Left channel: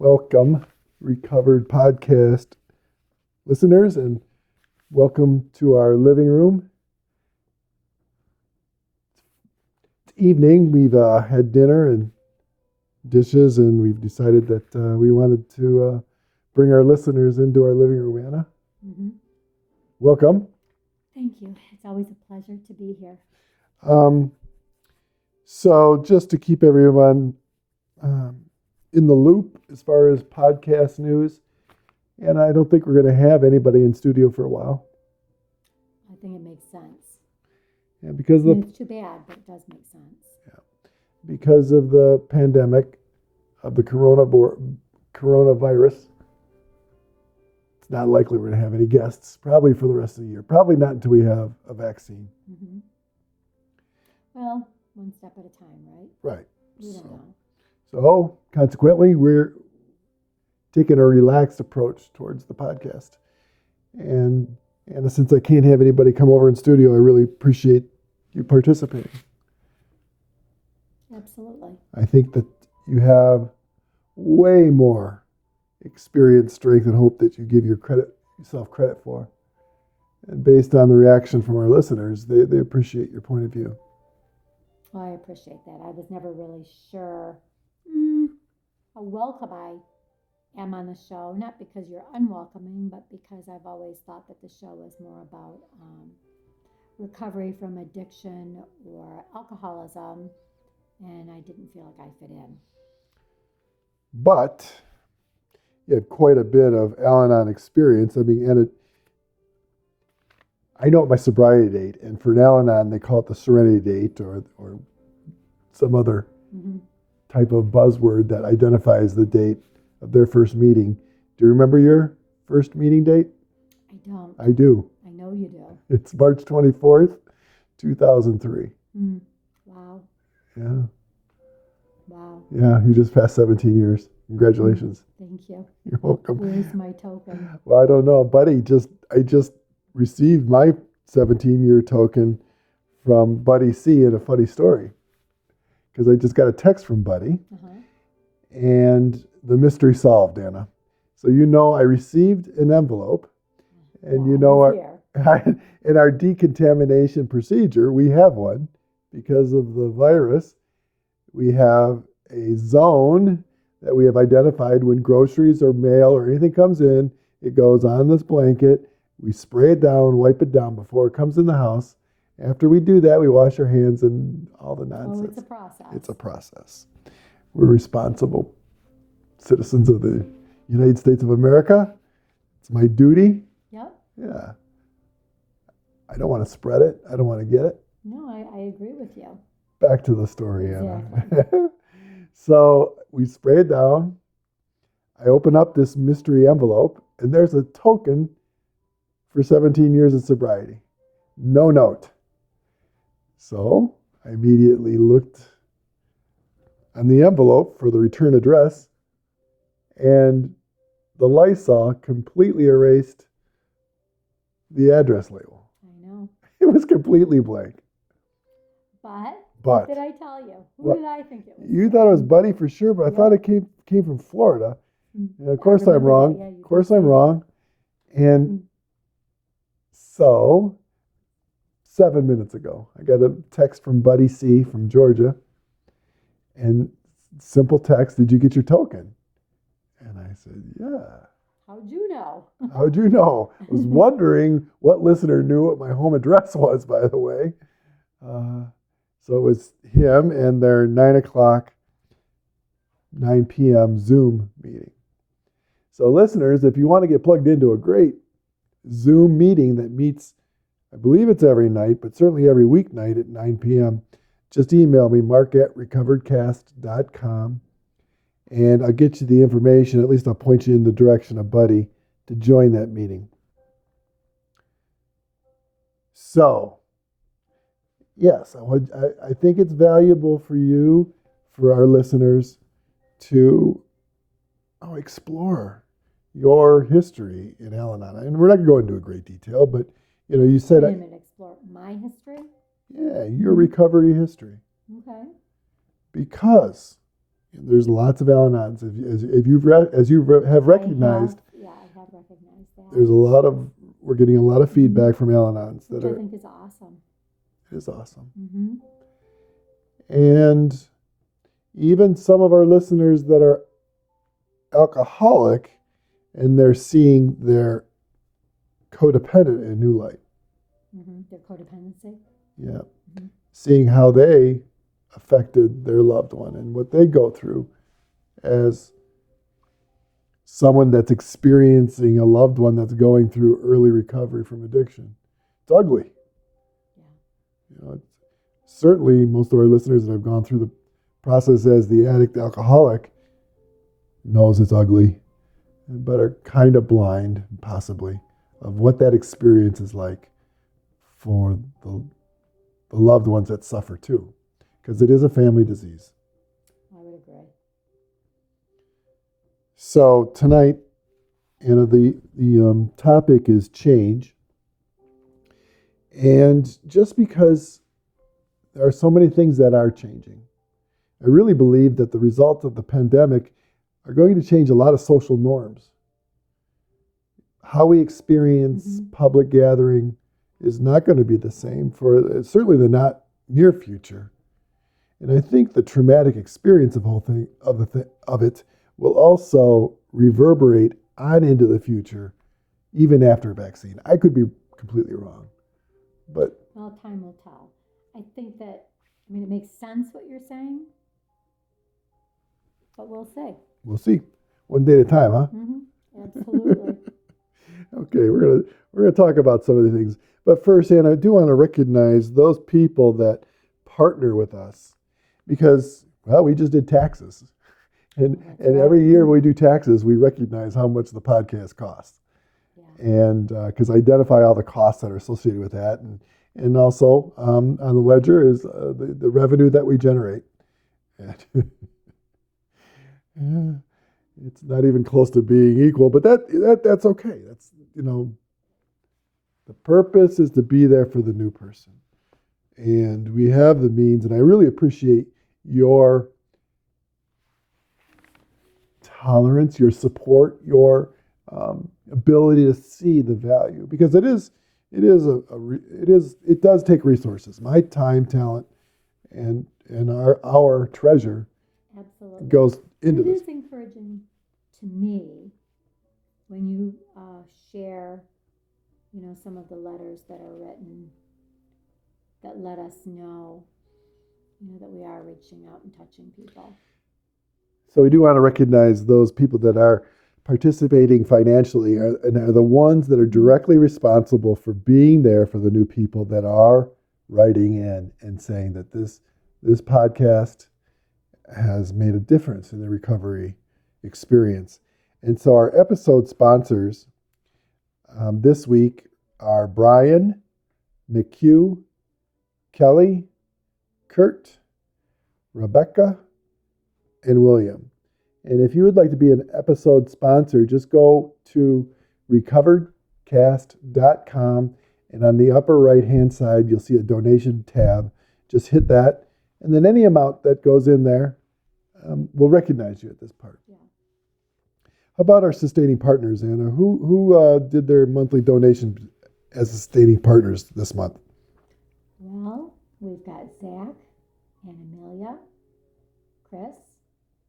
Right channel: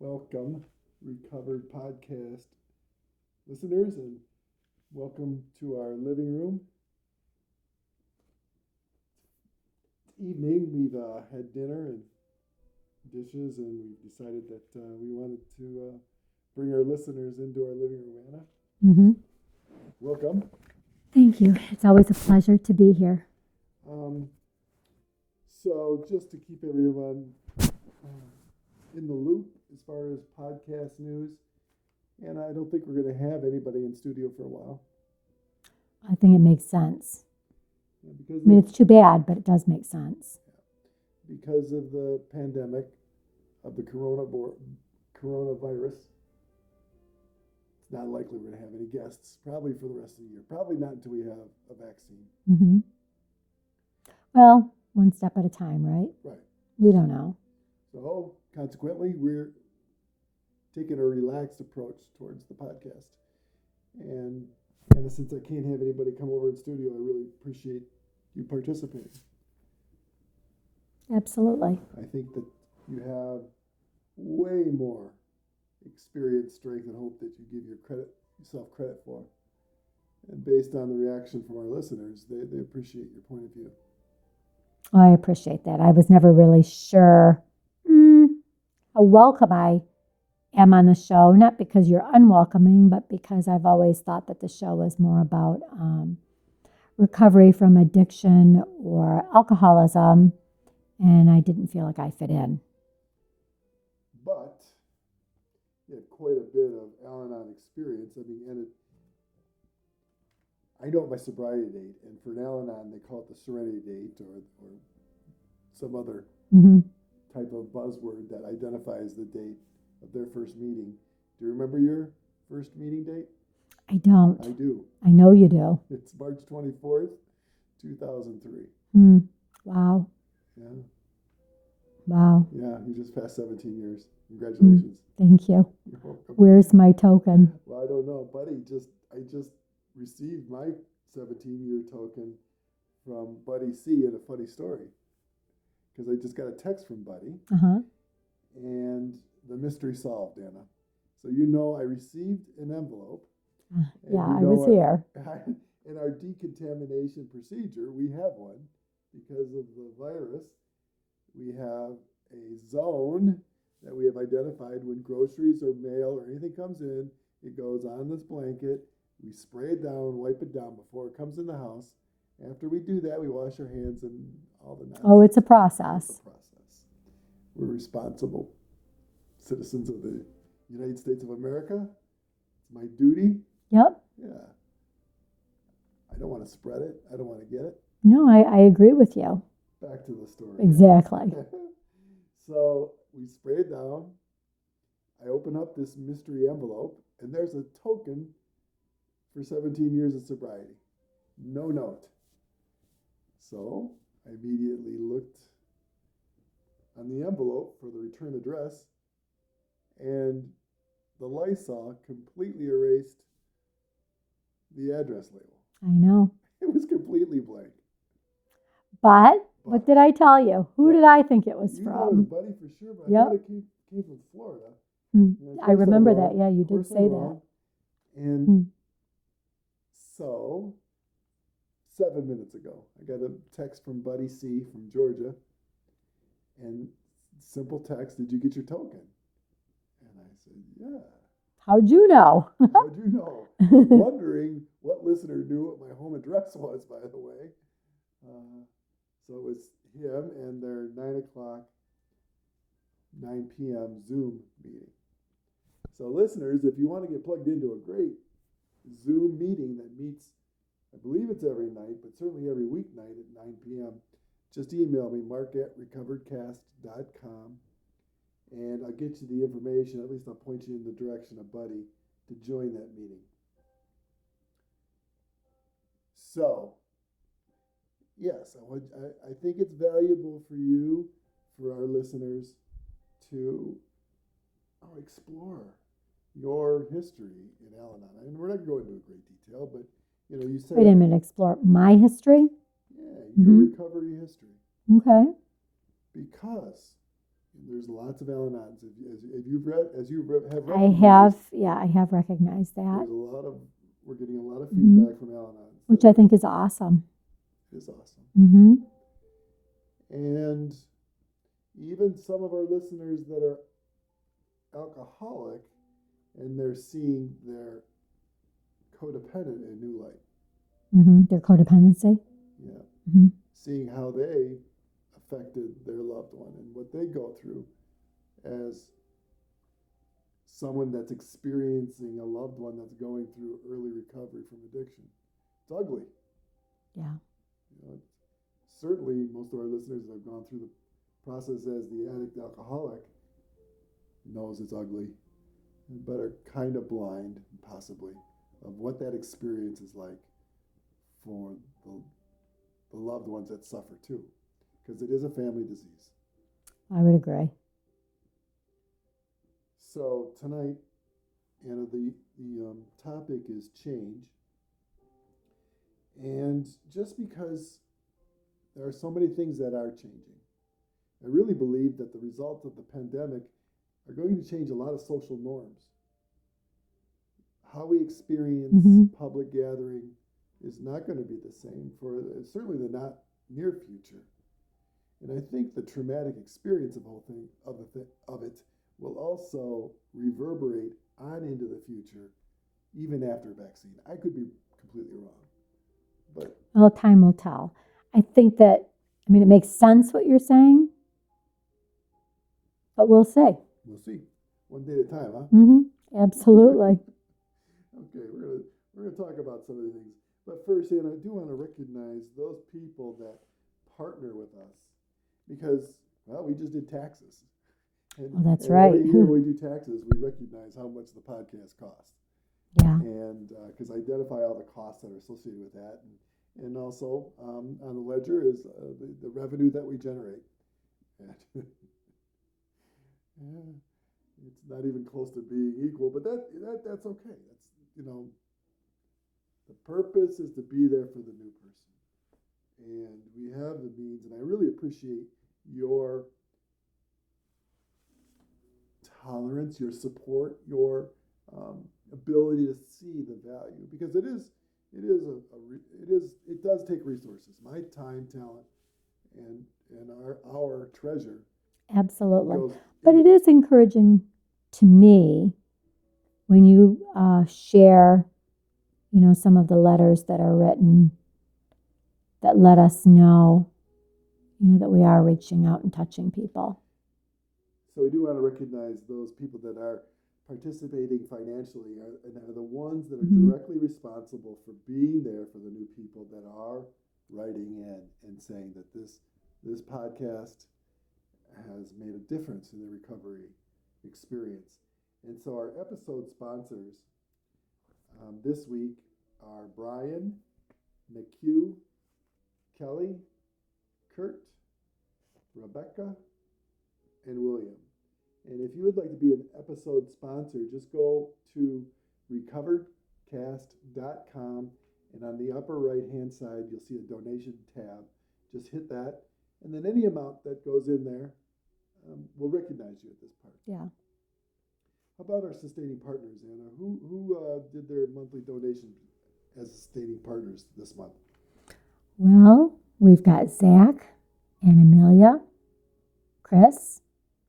Welcome, Recovered Podcast listeners, and welcome to our living room. It's evening. We've had dinner and dishes, and we've decided that we wanted to bring our listeners into our living room. Anna, welcome. Thank you. It's always a pleasure to be here. So just to keep everyone in the loop as far as podcast news, and I don't think we're going to have anybody in studio for a while. I think it makes sense. Yeah, because It's too bad, but it does make sense. Because of the pandemic of the coronavirus, it's not likely we're going to have any guests, probably for the rest of the year. Probably not until we have a vaccine. Mm-hmm. Well, one step at a time, right? Right. We don't know. So consequently, we're taking a relaxed approach towards the podcast. And since I can't have anybody come over in studio, I really appreciate you participating. Absolutely. I think that you have way more experience, strength, and hope that you give yourself credit for. And based on the reaction from our listeners, they appreciate your point of view. I appreciate that. I was never really sure how welcome I am on the show, not because you're unwelcoming, but because I've always thought that the show was more about recovery from addiction or alcoholism, and I didn't feel like I fit in. But you had quite a bit of Al-Anon experience. I mean, and I know my sobriety date, and for an Al-Anon, they call it the Serenity date or some other type of buzzword that identifies the date of their first meeting. Do you remember your first meeting date? I don't. I do. I know you do. It's March 24th, 2003. Wow. Yeah. Wow. Yeah, you just passed 17 years. Congratulations. Thank you. You're welcome. Where's my token? Well, I don't know, buddy. I just received my 17-year token from Buddy C in a funny story. Because I just got a text from Buddy. And the mystery solved, Anna. So I received an envelope. And in our decontamination procedure, we have one. Because of the virus, we have a zone that we have identified when groceries or mail or anything comes in. It goes on this blanket. We spray it down, wipe it down before it comes in the house. After we do that, we wash our hands and all the nonsense. Oh, it's a process. It's a process. We're responsible citizens of the United States of America. It's my duty. Yep. Yeah. I don't want to spread it. I don't want to get it. No, I agree with you. Back to the story. Exactly. So we spray it down. I open up this mystery envelope, and there's a token for 17 years of sobriety. No note. So I immediately looked on the envelope for the return address, and the Lysol completely erased the address label. I know. It was completely blank. But what did I tell you? Who did I think it was You from? thought it was Buddy for sure, but I thought it came from Florida. And of course I'm wrong. Yeah, of course I'm wrong. And so 7 minutes ago, I got a text from Buddy C from Georgia. And simple text, did you get your token? And I said, yeah. How'd you know? How'd you know? I was wondering what listener knew what my home address was, by the way. So it was him and their 9 p.m. Zoom meeting. So listeners, if you want to get plugged into a great Zoom meeting that meets, I believe it's every night, but certainly every weeknight at 9 p.m., just email me, mark@recoveredcast.com, and I'll get you the information. At least I'll point you in the direction of Buddy to join that meeting. So, yes, I think it's valuable for you, for our listeners, to explore your history in Al-Anon. And we're not going to go into a great detail, but you said... Wait a minute, explore my history? Yeah, your recovery history. Okay. Because And there's lots of Al-Anons. Have recognized, I have recognized that. We're getting a lot of feedback from Al-Anons. Which I think is awesome. It is awesome. Mm-hmm. And even some of our listeners that are alcoholic, and they're seeing their codependent in a new light. Mm-hmm. Their codependency. Yeah. Mm-hmm. Seeing how they affected their loved one and what they go through as someone that's experiencing a loved one that's going through early recovery from addiction. It's ugly. Yeah. You know, certainly most of our listeners that have gone through the process as the addict alcoholic knows it's ugly, but are kind of blind, possibly, of what that experience is like for the loved ones that suffer too, because it is a family disease. I would agree. So tonight, the topic is change, and just because there are so many things that are changing, I really believe that the result of the pandemic are going to change a lot of social norms. How we experience public gathering is not going to be the same for certainly the not near future. And I think the traumatic experience of it will also reverberate on into the future, even after a vaccine. I could be completely wrong, but well, time will tell. I think that, it makes sense what you're saying, but we'll see. We'll see. One day at a time, huh? Mm-hmm. Absolutely. Okay, we're gonna talk about some of the things, but first, Ann, I do want to recognize those people that partner with us, because we just did taxes, and right. Every year we do taxes, we recognize how much the podcast costs. Yeah. And because identify all the costs that are associated with that, and also on the ledger is the revenue that we generate. And, it's not even close to being equal, but that's okay. That's, the purpose is to be there for the new person, and we have the means. And I really appreciate your tolerance, your support, your ability to see the value, because it does take resources. My time, talent, and our treasure. Absolutely. Goes. But it is encouraging to me when you share, some of the letters that are written that let us know, that we are reaching out and touching people. So we do want to recognize those people that are participating financially and are the ones that are directly responsible for being there for the new people that are writing in and saying that this podcast has made a difference in the recovery experience. And so our episode sponsors this week are Brian, McHugh, Kelly, Kurt, Rebecca, and William. And if you would like to be an episode sponsor, just go to recoveredcast.com, and on the upper right-hand side, you'll see a donation tab. Just hit that, and then any amount that goes in there, we'll recognize you at this part. Yeah. How about our sustaining partners, Anna? Who did their monthly donation as sustaining partners this month? Well, we've got Zach and Amelia, Chris,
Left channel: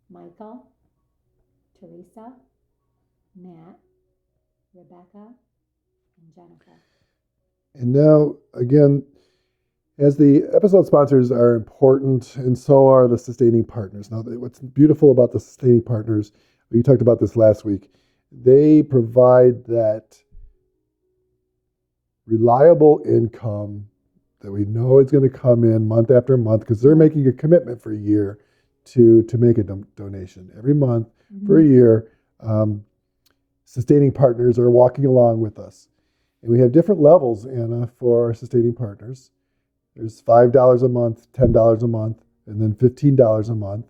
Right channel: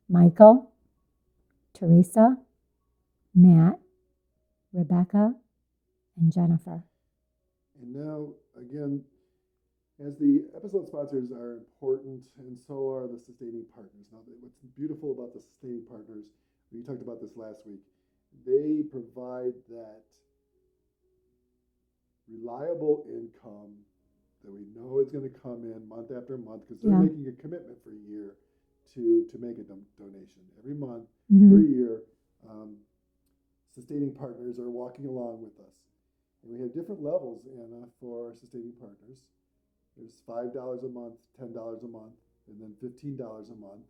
Michael, Teresa, Matt, Rebecca, and Jennifer. And now, again, as the episode sponsors are important, and so are the sustaining partners. Now, what's beautiful about the sustaining partners, we talked about this last week, they provide that reliable income that we know is going to come in month after month, because they're making a commitment for a year to make a donation every month for a year. Sustaining partners are walking along with us. And we have different levels, Anna, for our sustaining partners. There's $5 a month, $10 a month, and then $15 a month.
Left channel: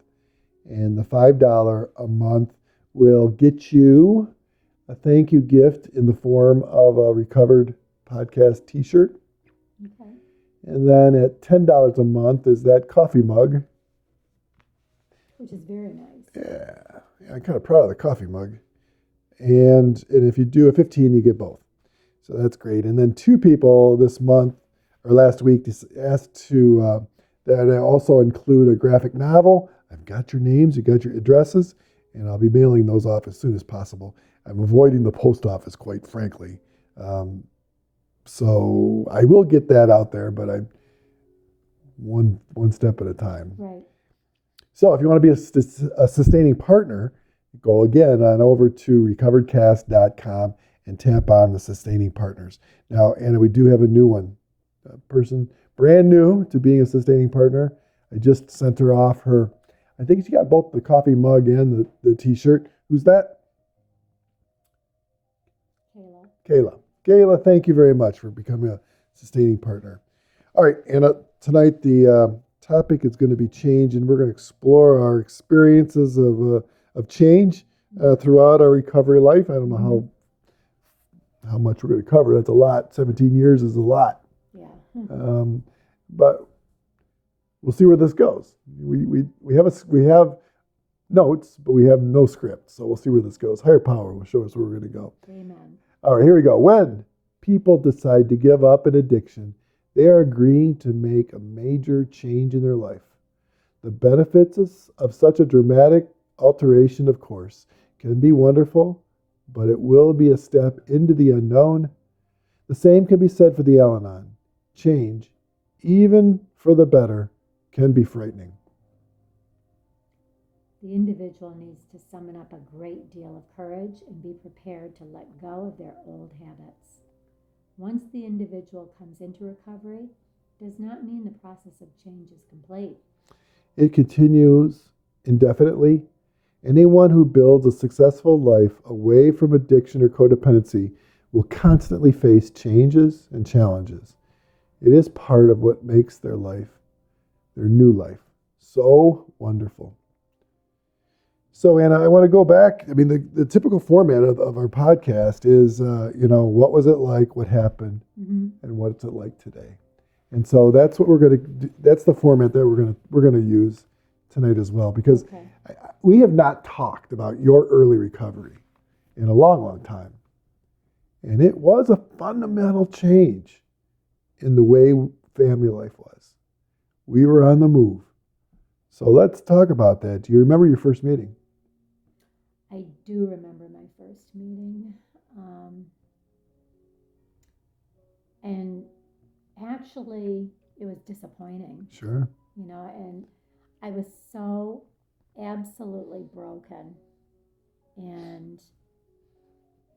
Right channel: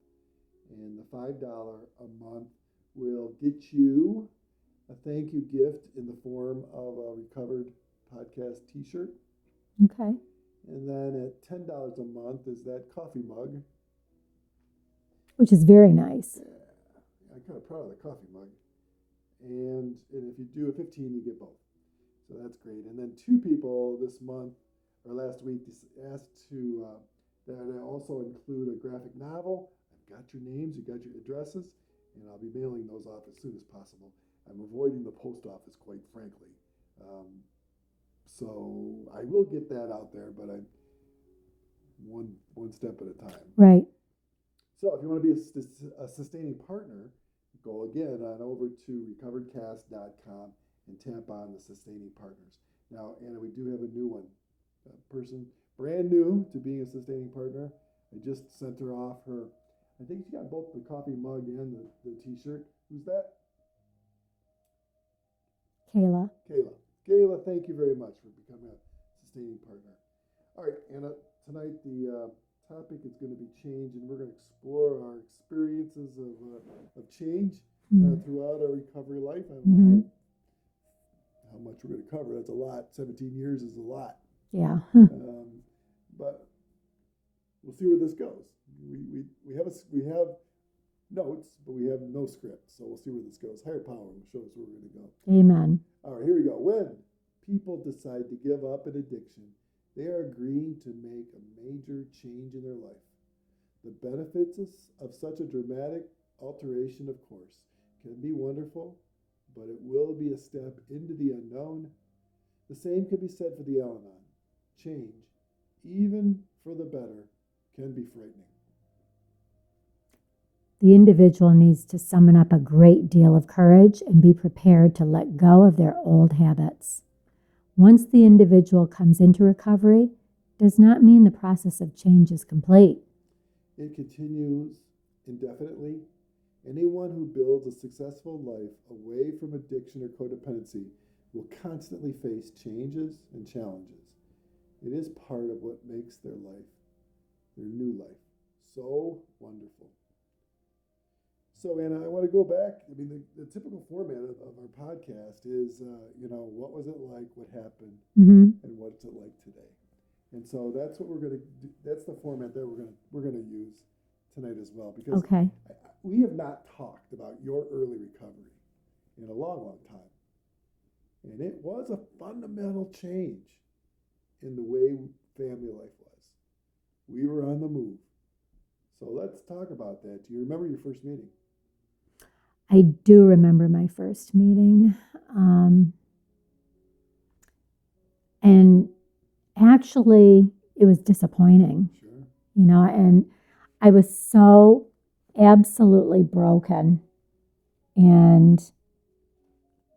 And the $5 a month will get you a thank you gift in the form of a Recovered Podcast t-shirt. Okay. And then at $10 a month is that coffee mug. which is very nice. Yeah, I'm kind of proud of the coffee mug. And if you do a 15, you get both. So that's great. And then 2 people this month or last week asked to that I also include a graphic novel. I've got your names, you got your addresses, and I'll be mailing those off as soon as possible. I'm avoiding the post office, quite frankly. So I will get that out there, but I one step at a time. Right. So if you want to be a sustaining partner, go again on over to recoveredcast.com and tap on the sustaining partners. Now, Anna, we do have a new one, a person brand new to being a sustaining partner. I just sent her off her, I think she got both the coffee mug and the t-shirt. Who's that? Kayla. Kayla, thank you very much for becoming a sustaining partner. All right, Anna, tonight the topic is going to be change, and we're going to explore our experiences of change throughout our recovery life. I don't know how much we're going to cover. That's a lot. 17 years is a lot. Yeah. But we'll see where this goes. We have notes, but we have no script. So we'll see where this goes. Higher power will show us where we're going to go. Amen. All right, here we go. When people decide to give up an addiction, they are agreeing to make a major change in their life. The benefits of such a dramatic alteration, of course, can be wonderful, but it will be a step into the unknown. The same can be said for the Al-Anon. Change, even for the better, can be frightening. The individual needs to summon up a great deal of courage and be prepared to let go of their old habits. Once the individual comes into recovery, does not mean the process of change is complete. It continues indefinitely. Anyone who builds a successful life away from addiction or codependency will constantly face changes and challenges. It is part of what makes their life, their new life, so wonderful. So, Anna, I want to go back. I mean, the typical format of our podcast is, what was it like, what happened, and what's it like today. And so that's what we're going to do. That's the format that we're going to use tonight as well, because we have not talked about your early recovery in a long, long time. And it was a fundamental change in the way family life was. We were on the move. So let's talk about that. Do you remember your first meeting? I do remember my first meeting. And actually, it was disappointing. Sure. And I was so absolutely broken. And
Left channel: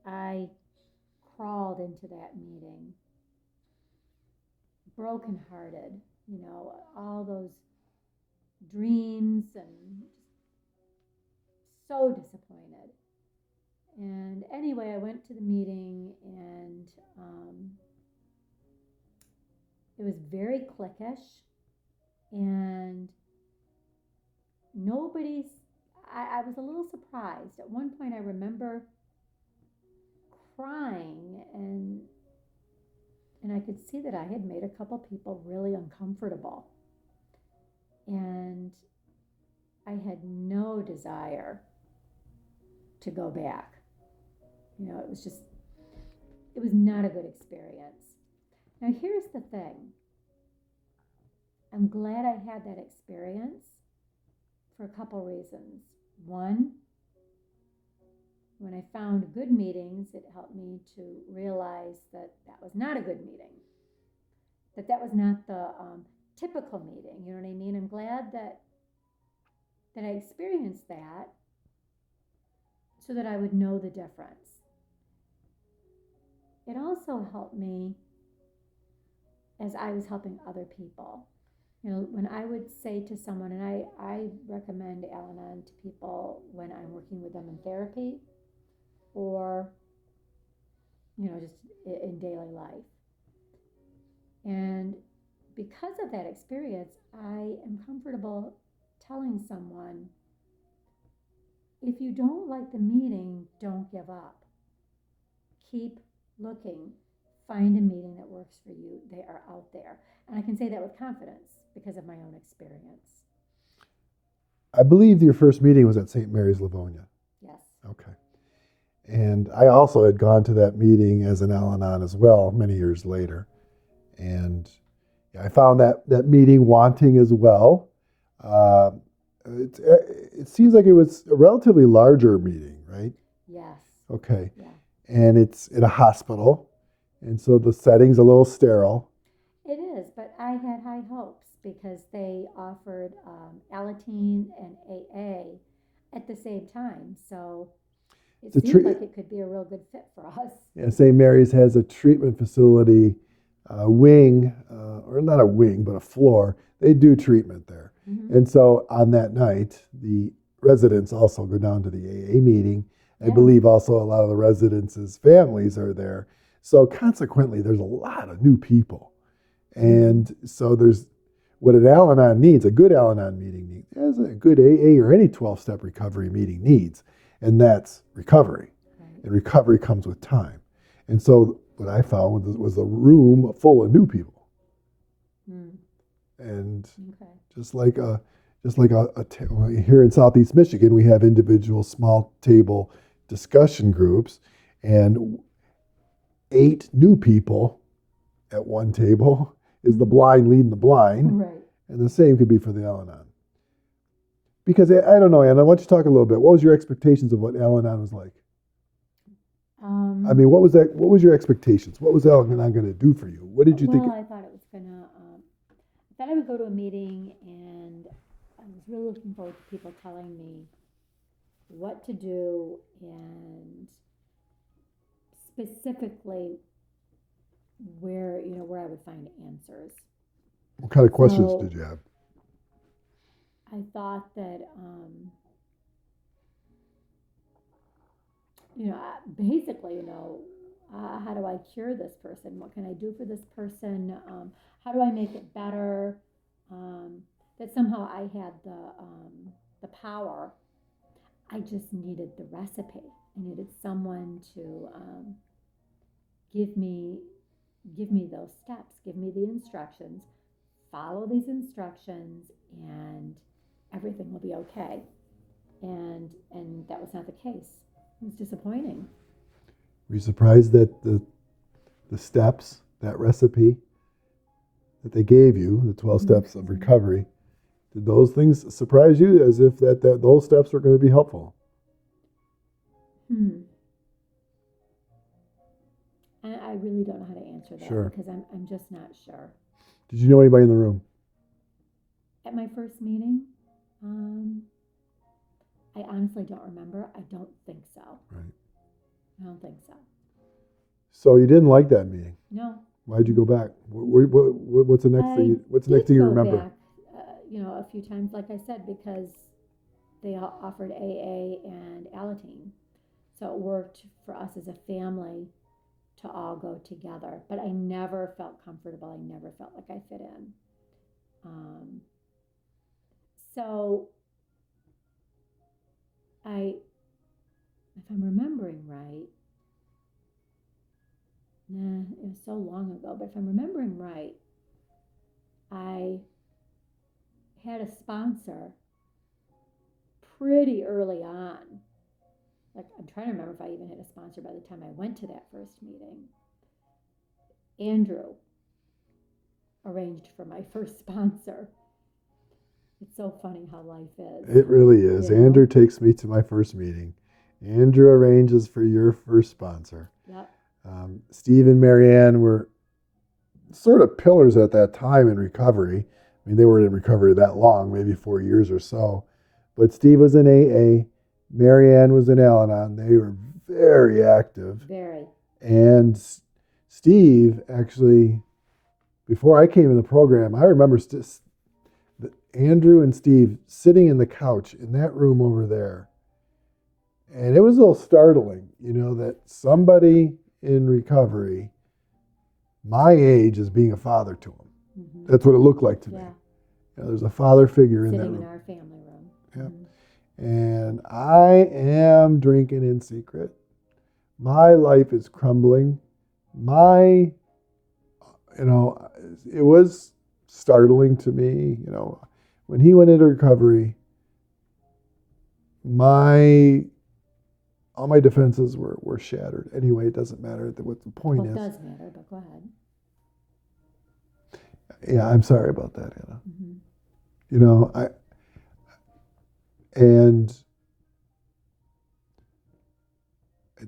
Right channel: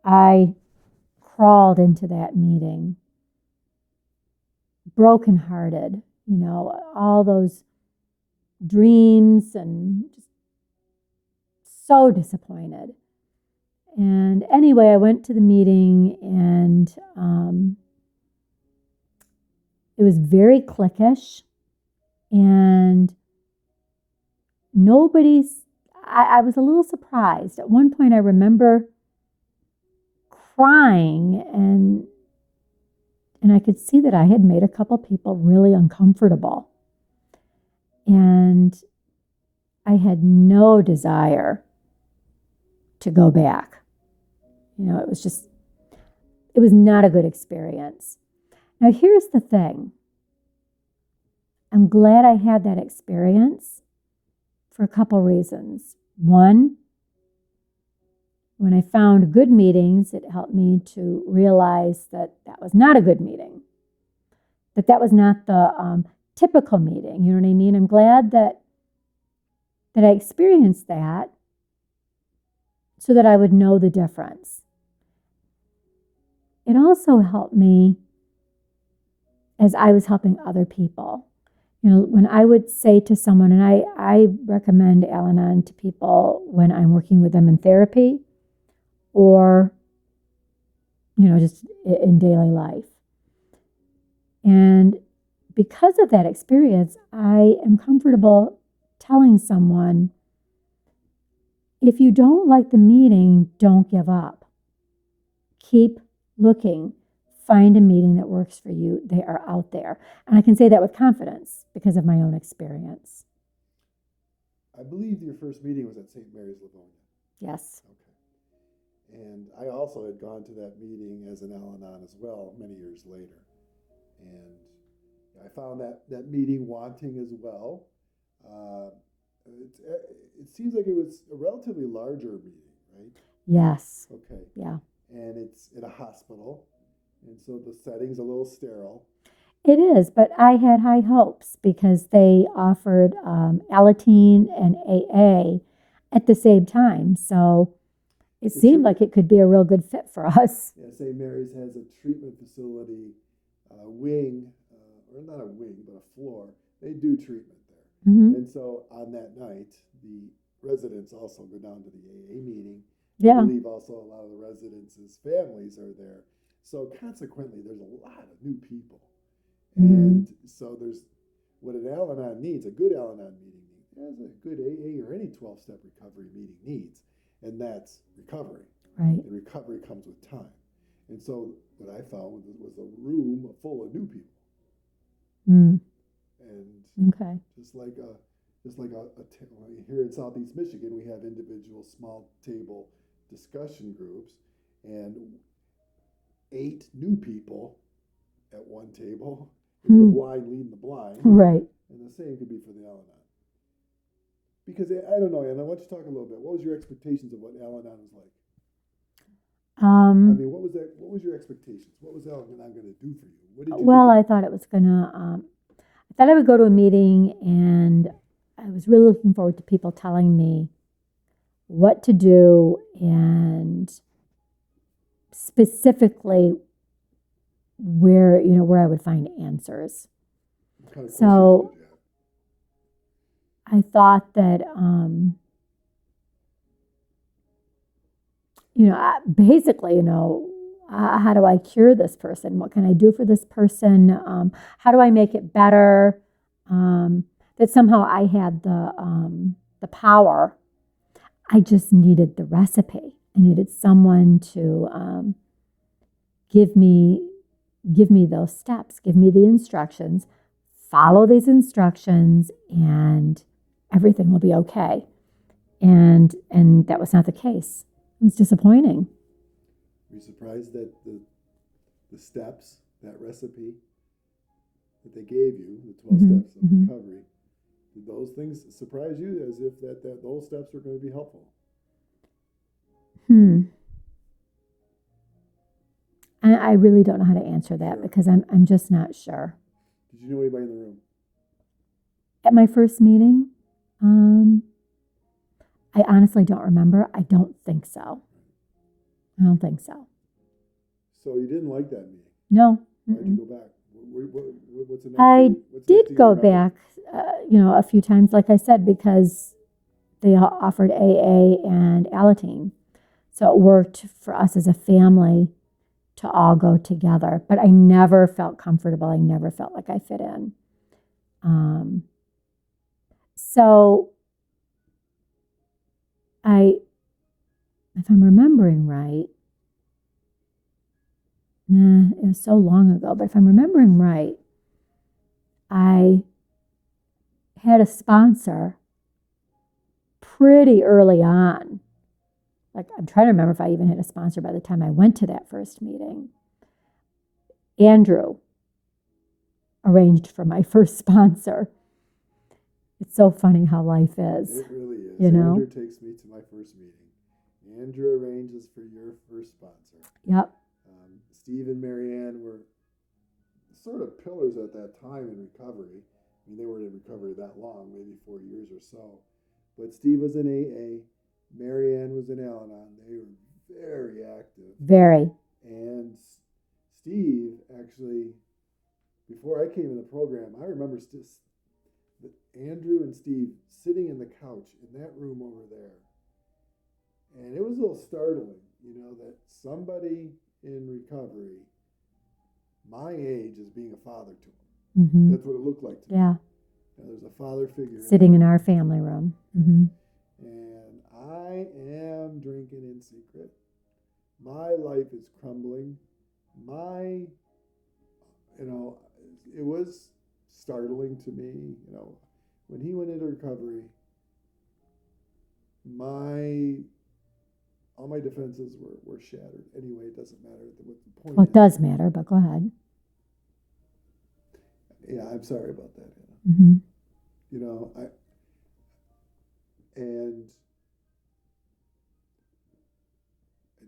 I crawled into that meeting brokenhearted, all those dreams and so disappointed. And anyway, I went to the meeting and it was very cliquish and I was a little surprised. At one point I remember crying and I could see that I had made a couple people really uncomfortable. And I had no desire to go back. It was not a good experience. Now, here's the thing. I'm glad I had that experience for a couple reasons. One, when I found good meetings, it helped me to realize that was not a good meeting, that was not the typical meeting. You know what I mean? I'm glad that I experienced that so that I would know the difference. It also helped me as I was helping other people. When I would say to someone, and I recommend Al-Anon to people when I'm working with them in therapy or, just in daily life. And because of that experience, I am comfortable telling someone, if you don't like the meeting, don't give up. Keep looking. Find a meeting that works for you. They are out there. And I can say that with confidence because of my own experience. I believe your first meeting was at St. Mary's Livonia. Yes. Okay. And I also had gone to that meeting as an Al-Anon as well many years later. And I found that meeting wanting as well. Uh, it seems like it was a relatively larger meeting, right? Yes. Okay. Yeah. And it's in a hospital. And so the setting's a little sterile. It is, but I had high hopes because they offered Alateen and AA at the same time. So it seemed like it could be a real good fit for us. Yeah, St. Mary's has a treatment facility wing, or not a wing, but a floor. They do treatment there. Mm-hmm. And so on that night, the residents also go down to the AA meeting. I Yeah. believe also a lot of the residents' families are there. So consequently, there's a lot of new people. And so there's what an Al-Anon needs, a good Al-Anon meeting needs, as a good AA or any 12-step recovery meeting needs, and that's recovery. Right. And recovery comes with time. And so what I found was a room full of new people. Mm. And Okay. just like here in Southeast Michigan, we have individual small table discussion groups, and 8 new people at one table is the blind leading the blind. Right. And the same could be for the Al-Anon. Because I don't know, Anna, why don't you talk a little bit? What was your expectations of what Al-Anon was like? I mean, what was that? What was your expectations? What was Al-Anon going to do for you? What did you Well, think? I thought it was gonna. I thought I would go to a meeting, and I was really looking forward to people telling me what to do, and specifically where I would find answers. What kind of questions So- did you have? I thought that, basically, how do I cure this person? What can I do for this person? How do I make it better? That somehow I had the power. I just needed the recipe. I needed someone to give me those steps, give me the instructions, follow these instructions, and everything will be okay. And that was not the case. It was disappointing. Were you surprised that the steps, that recipe that they gave you, the 12 steps of recovery, did those things surprise you as if that those steps were going to be helpful? I really don't know how to answer that. Sure. Because I'm just not sure. Did you know anybody in the room? At my first meeting, I honestly don't remember. I don't think so. Right. I don't think so. So you didn't like that meeting. No. Why'd you go back? What's the next? I what's the next did thing you go remember? back, a few times, like I said, because they offered AA and Alateen. So it worked for us as a family to all go together. But I never felt comfortable. I never felt like I fit in. So if I'm remembering right, it was so long ago, but if I'm remembering right, I had a sponsor pretty early on. Like, I'm trying to remember if I even had a sponsor by the time I went to that first meeting. Andrew arranged for my first sponsor. It's so funny how life is. It really is. You know? Andrew takes me to my first meeting. Andrew arranges for your first sponsor. Yep. Steve and Marianne were sort of pillars at that time in recovery. I mean, they weren't in recovery that long, maybe 4 years or so. But Steve was in AA. Marianne was in Al-Anon. They were very active. Very. And Steve, actually, before I came in the program, I remember Andrew and Steve sitting in the couch in that room over there. And it was a little startling, that somebody in recovery, my age, is being a father to them. Mm-hmm. That's what it looked like to me. Yeah. There's a father figure Sitting in that room. our family room. Yeah. Mm-hmm. And I am drinking in secret. My life is crumbling. It was startling to me. When he went into recovery, all my defenses were shattered. Anyway, it doesn't matter what the point Well, is. it does matter, but go ahead. Yeah, I'm sorry about that, Anna. Mm-hmm. You know, I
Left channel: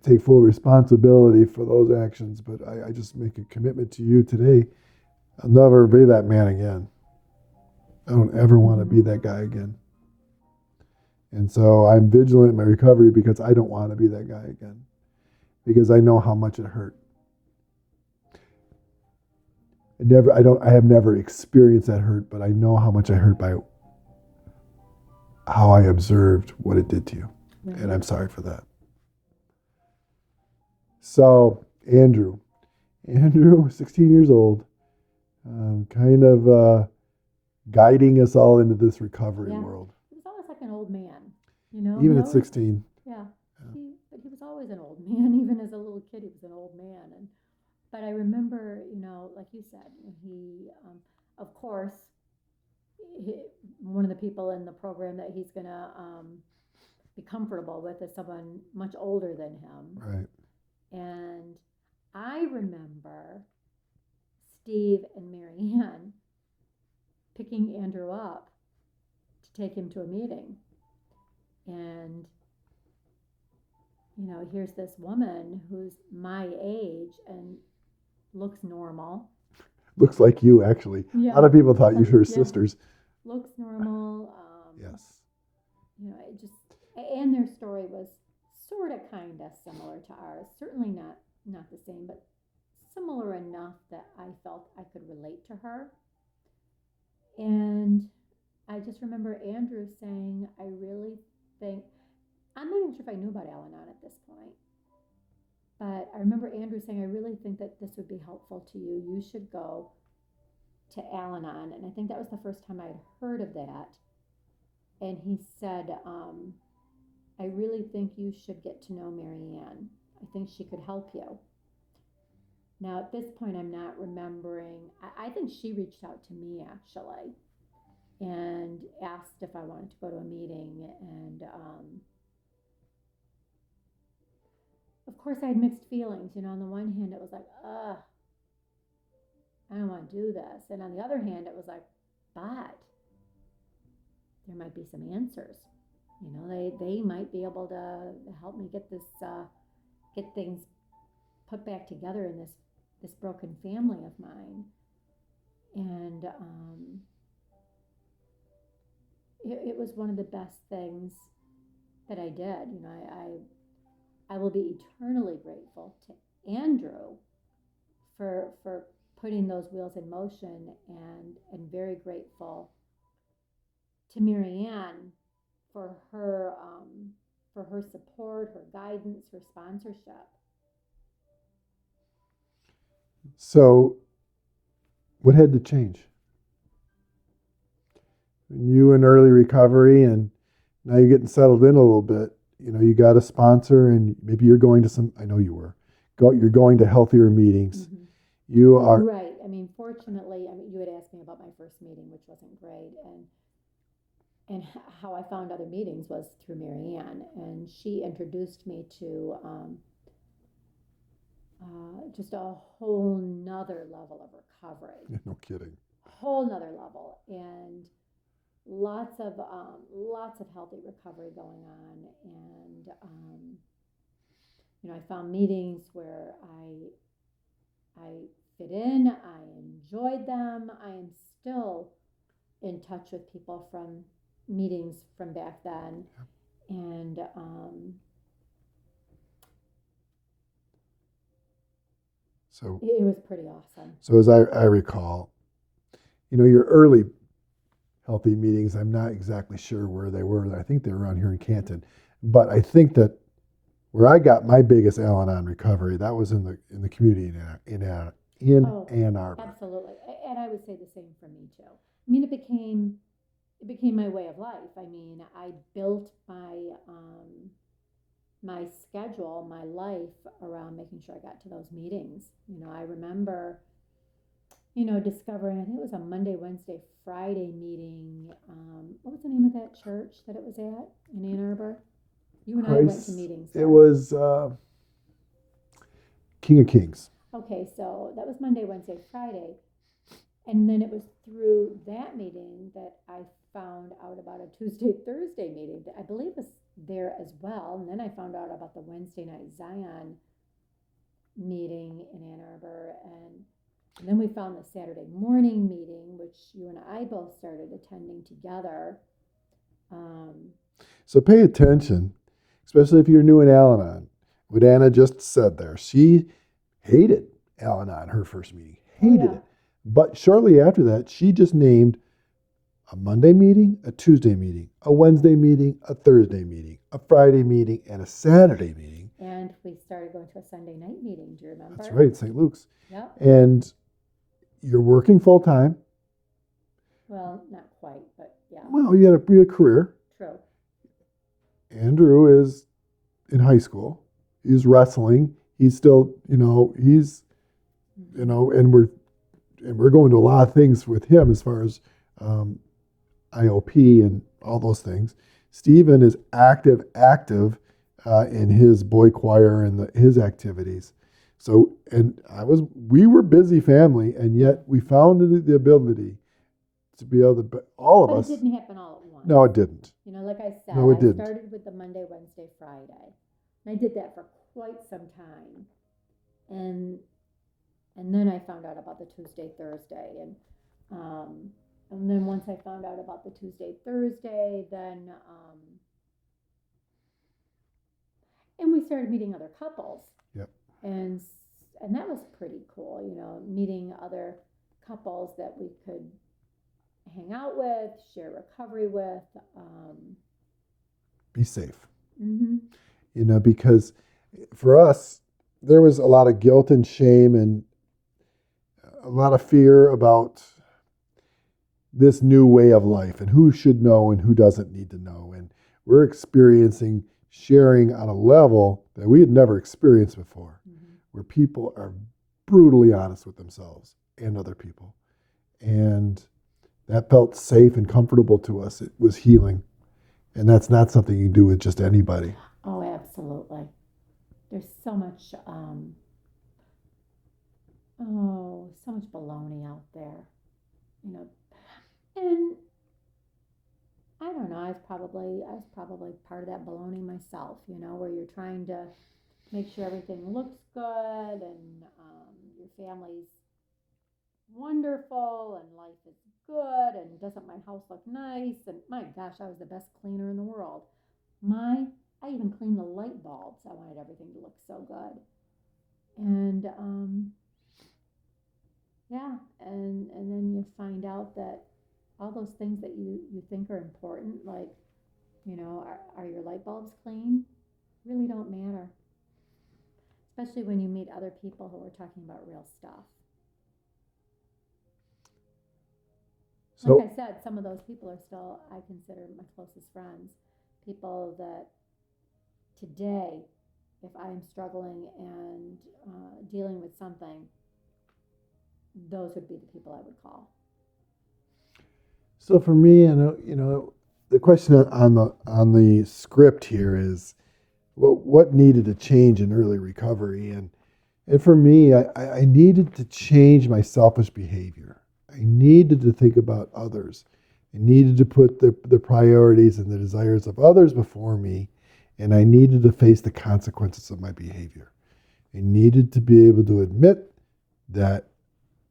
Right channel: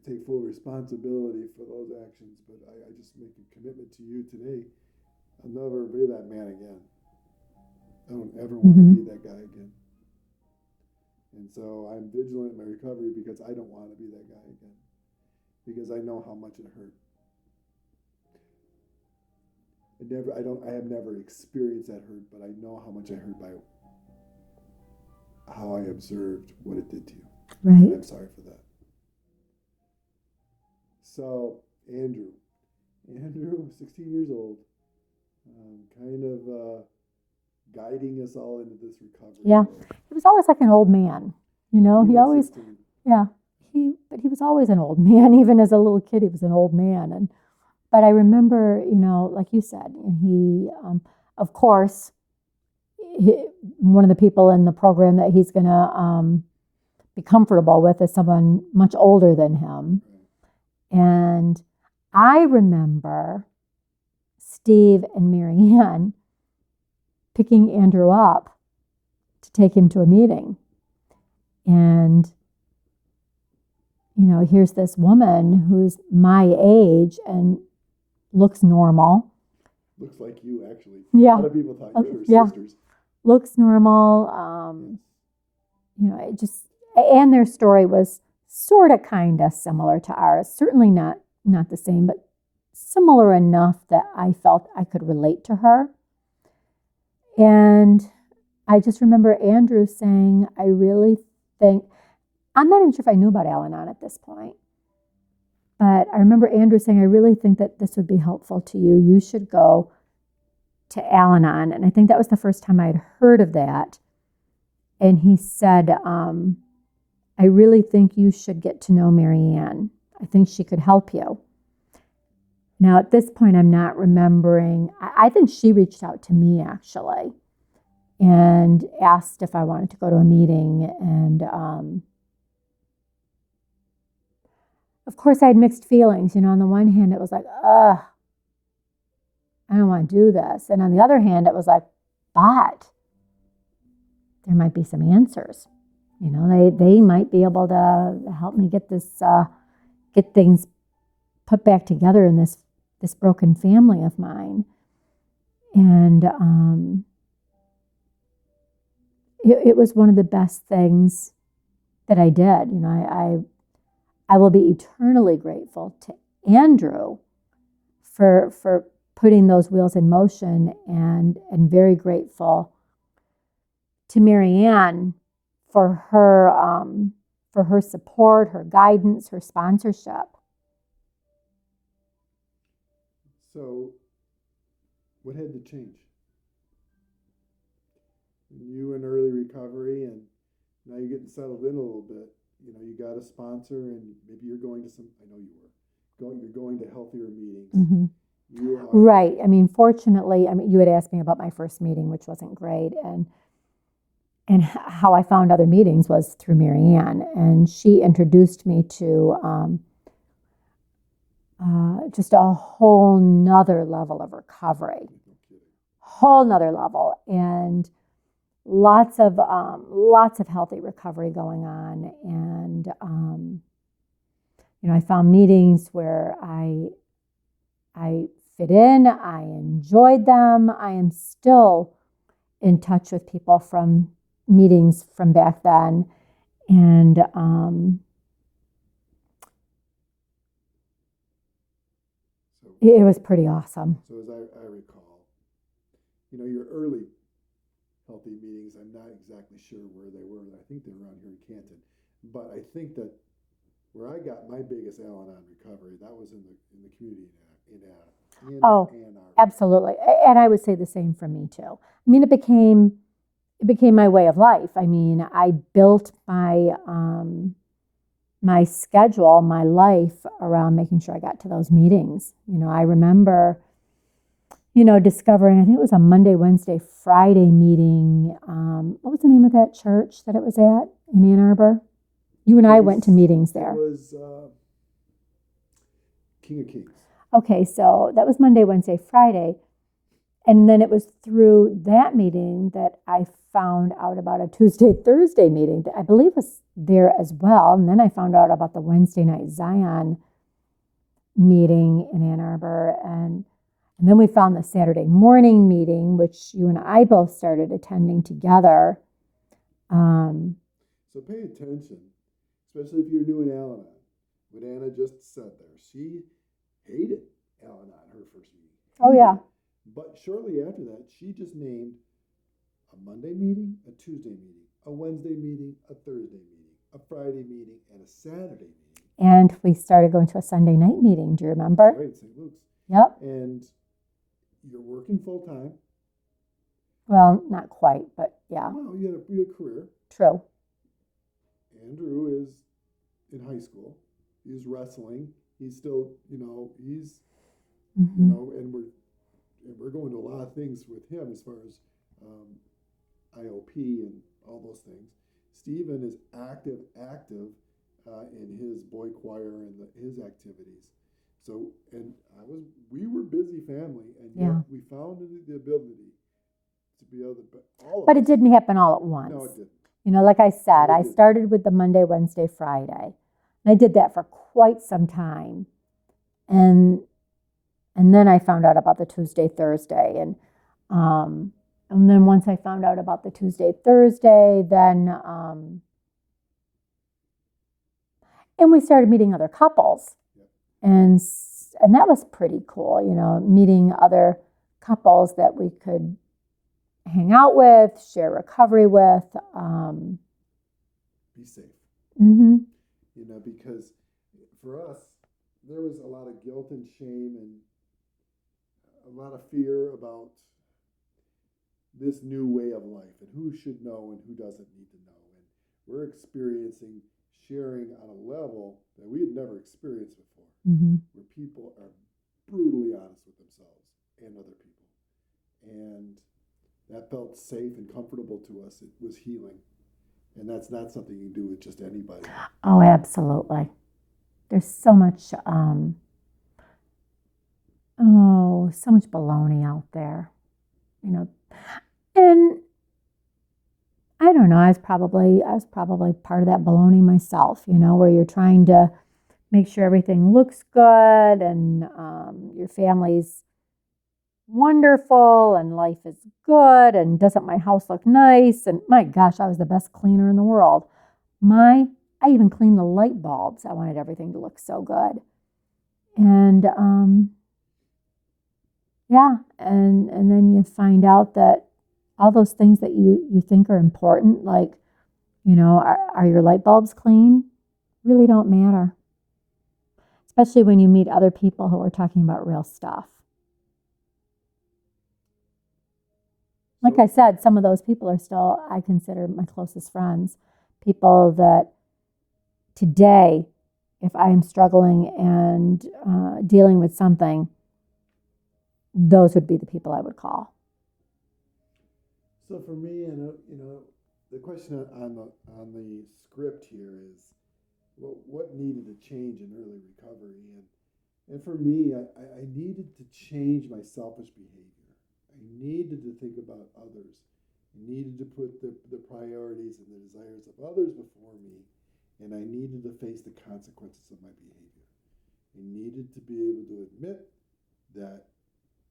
take full responsibility for those actions, but I just make a commitment to you today. I'll never be that man again. I don't ever want to be that guy again. And so I'm vigilant in my recovery because I don't want to be that guy again. Because I know how much it hurt. I have never experienced that hurt, but I know how much I hurt by how I observed what it did to you. Right. And I'm sorry for that. So, Andrew, 16 years old, kind of guiding us all into this recovery world. He was always like an old man, you know. Even he at always, 16. Yeah. But he was always an old man. Even as a little kid, he was an old man. But I remember, you know, like you said, and he, of course, one of the people in the program that he's going to be comfortable with is someone much older than him. Right. And I remember Steve and Marianne picking Andrew up to take him to a meeting. And, you know, here's this woman who's my age and looks normal. Looks like you, actually. Yeah. A lot of people thought you were sisters. Looks normal. Yes. You know, it just, and their story was sort of kind of similar to ours. Certainly not the same, but similar enough that I felt I could relate to her. And I just remember Andrew saying, I really think, I'm not even sure if I knew about Al-Anon at this point, but I remember Andrew saying, I really think that this would be helpful to you. You should go to Al-Anon. And I think that was the first time I had heard of that. And he said, I really think you should get to know Marianne. I think she could help you. Now, at this point, I'm not remembering. I think she reached out to me, actually, and asked if I wanted to go to a meeting. And, of course, I had mixed feelings. You know, on the one hand, it was like, I don't want to do this. And on the other hand, it was like, but there might be some answers. You know, they might be able to help me get this, get things put back together in this broken family of mine. And it was one of the best things that I did. You know, I will be eternally grateful to Andrew for putting those wheels in motion, and very grateful to Marianne for her support, her guidance, her sponsorship. So, what had to change? You in early recovery, and now you're getting settled in a little bit. You know, you got a sponsor, and maybe you're going to some. I know you were. You're going to healthier meetings. Mm-hmm. You are right. I mean, fortunately, you had asked me about my first meeting, which wasn't great, and how I found other meetings was through Marianne, and she introduced me to just a whole nother level of recovery. No kidding. Whole nother level, and lots of healthy recovery going on. And you know, I found meetings where I fit in. I enjoyed them. I am still in touch with people from meetings from back then, and so it was pretty awesome. So as I recall, you know, your early healthy meetings, I'm not exactly sure where they were. I think they were around here in Canton, but I think that where I got my biggest Al-Anon recovery, that was in the community in Ann Arbor. Absolutely, and I would say the same for me too. I mean, it became my way of life. I mean, I built my my schedule, my life around making sure I got to those meetings. You know, I remember, you know, discovering, I think it was a Monday, Wednesday, Friday meeting. What was the name of that church that it was at? in Ann Arbor? You and I went to meetings It there. was King of Kings. Okay, so that was Monday, Wednesday, Friday. And then it was through that meeting that I found out about a Tuesday, Thursday meeting that I believe was there as well. And then I found out about the Wednesday night Zion meeting in Ann Arbor. And then we found the Saturday morning meeting, which you and I both started attending together. So pay attention, especially if you're new in Al-Anon. What Anna just said there. She hated Al-Anon, her first meeting. Hated it. But shortly after that, she just named a Monday meeting, a Tuesday meeting, a Wednesday meeting, a Thursday meeting, a Friday meeting, and a Saturday meeting. And we started going to a Sunday night meeting. Do you remember? That's right, St. Luke's. Yep. And you're working full time. Well, not quite, but yeah. Well, you had a career. True. Andrew is in high school. He's wrestling. He's still, he's, and we're going to a lot of things with him as far as IOP and all those things. Stephen is active in his boy choir and his activities. So, we were busy family, and yet we found the ability to be able to, all of us. But it didn't happen all at once. No, it didn't. Like I said, No, I started with the Monday, Wednesday, Friday. And I did that for quite some time. And then I found out about the Tuesday, Thursday. And then once I found out about the Tuesday, Thursday, then, and we started meeting other couples. Yep. And that was pretty cool, meeting other couples that we could hang out with, share recovery with. Be safe. Mm-hmm. Because for us, there was a lot of guilt and shame and a lot of fear about this new way of life and who should know and who doesn't need to know. And we're experiencing sharing on a level that we had never experienced before, where people are brutally honest with themselves and other people. And that felt safe and comfortable to us. It was healing. And that's not something you do with just anybody. Oh, absolutely. There's so much, so much baloney out there, And I don't know, I was probably part of that baloney myself, where you're trying to make sure everything looks good and your family's wonderful and life is good and doesn't my house look nice? And my gosh, I was the best cleaner in the world. I even cleaned the light bulbs. I wanted everything to look so good. And and then you find out that all those things that you think are important, like, are your light bulbs clean? Really don't matter. Especially when you meet other people who are talking about real stuff. So, like I said, some of those people are still, I consider my closest friends. People that today, if I am struggling and dealing with something, those would be the people I would call. So for me, the question on the script here is, what needed to change in early recovery? And for me, I needed to change my selfish behavior. I needed to think about others. I needed to put the priorities and the desires of others before me, and I needed to face the consequences of my behavior. I needed to be able to admit that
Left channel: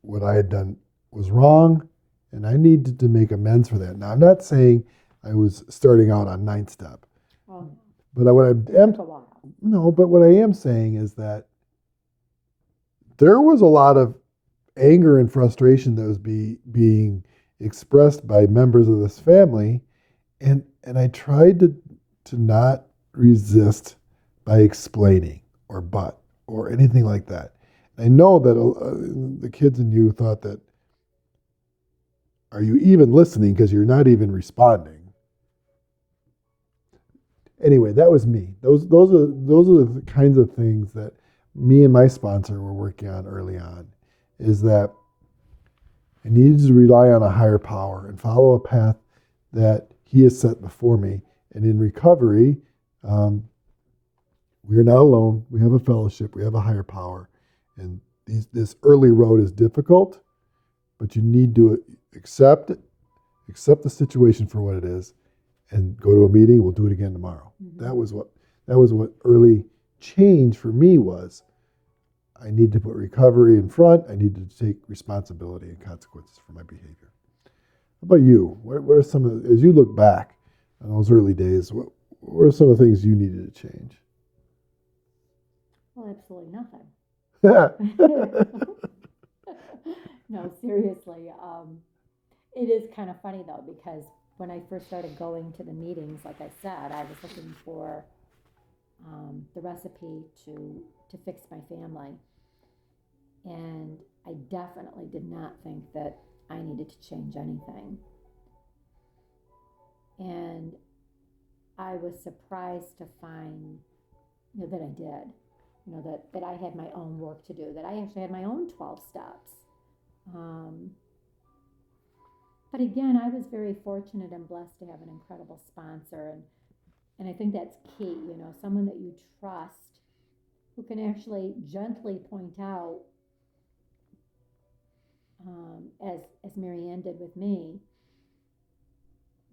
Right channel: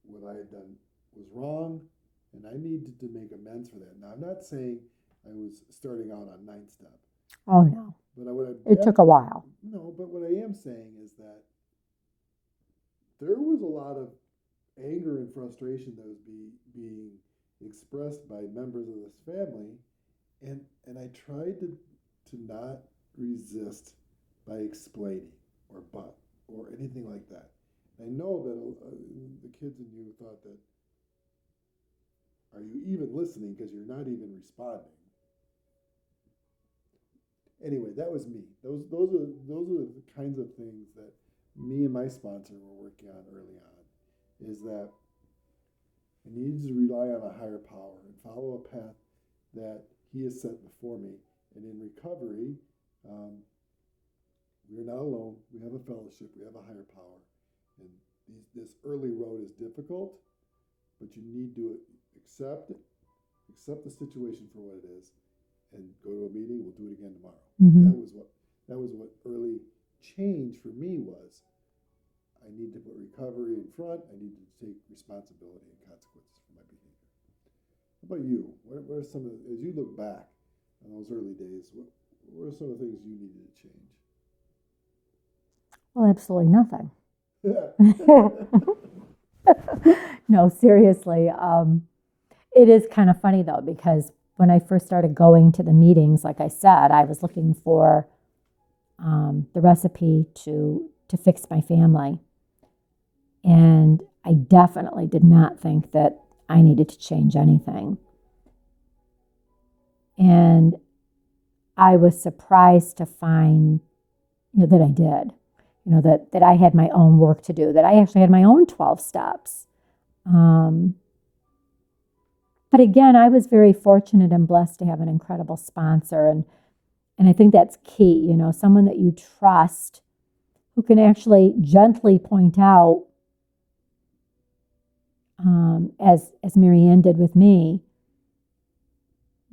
what I had done was wrong, and I needed to make amends for that. Now, I'm not saying I was starting out on 9th step. Oh, no. But it took a while. No, but what I am saying is that there was a lot of anger and frustration that was being expressed by members of this family, and I tried to not resist by explaining or anything like that. I know that the kids and you thought that, are you even listening because you're not even responding? Anyway, that was me. Those are the kinds of things that me and my sponsor were working on early on, is that I needed to rely on a higher power and follow a path that he has set before me, And in recovery, we are not alone. We have a fellowship. We have a higher power. And this early road is difficult, but you need to accept the situation for what it is, and go to a meeting. We'll do it again tomorrow. Mm-hmm. That was what early change for me was. I need to put recovery in front. I need to take responsibility and consequences for my behavior. How about you? What are some of as you look back on those early days? What are some of the things you needed to change? Well, absolutely nothing. No, seriously. It is kind of funny, though, because when I first started going to the meetings, like I said, I was looking for the recipe to fix my family. And I definitely did not think that I needed to change anything. And I was surprised to find, that I did. That I had my own work to do, that I actually had my own 12 steps. But again, I was very fortunate and blessed to have an incredible sponsor. And I think that's key, someone that you trust who can actually gently point out, as Marianne did with me,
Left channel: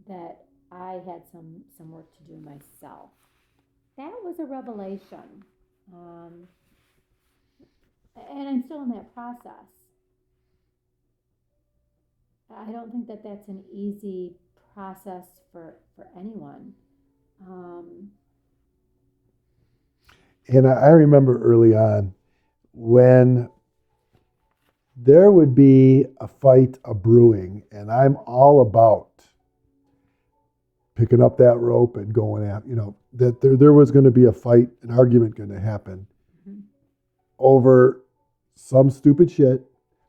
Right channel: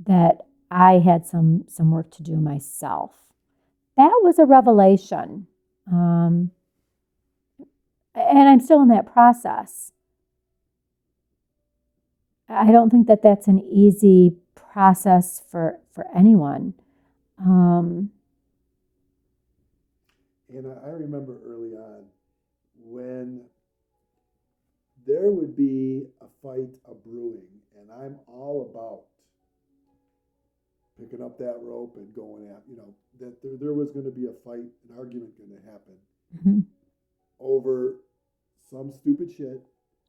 that I had some work to do myself. That was a revelation. And I'm still in that process. I don't think that that's an easy process for anyone. And I remember early on when there would be a fight a brewing, and I'm all about picking up that rope and going after, that there was going to be a fight, an argument going to happen over some stupid shit.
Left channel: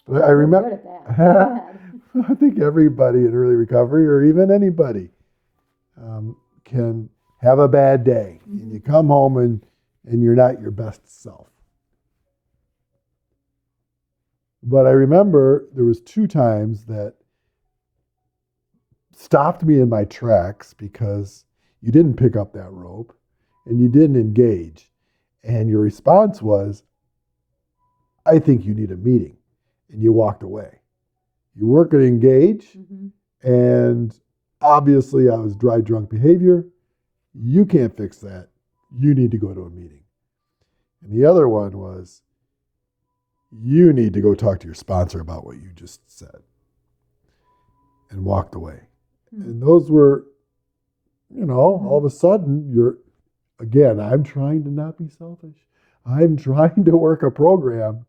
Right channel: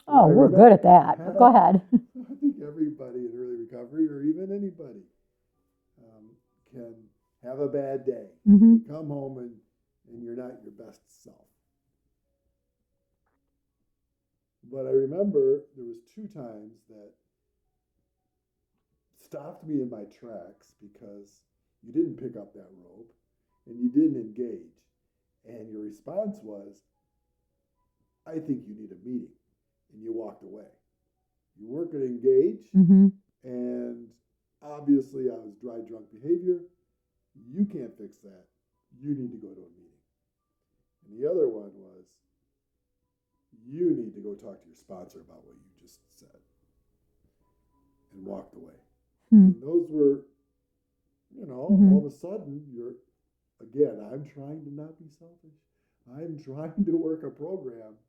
Oh, I remember, we're good at that. Go ahead. I think everybody in early recovery, or even anybody, can have a bad day. You come home and you're not your best self. But I remember there was 2 times that stopped me in my tracks because you didn't pick up that rope and you didn't engage. And your response was, I think you need a meeting. And you walked away. You weren't going to engage. And obviously I was dry drunk behavior. You can't fix that. You need to go to a meeting. And the other one was, you need to go talk to your sponsor about what you just said. And walked away. And those were, all of a sudden I'm trying to not be selfish. I'm trying to work a program,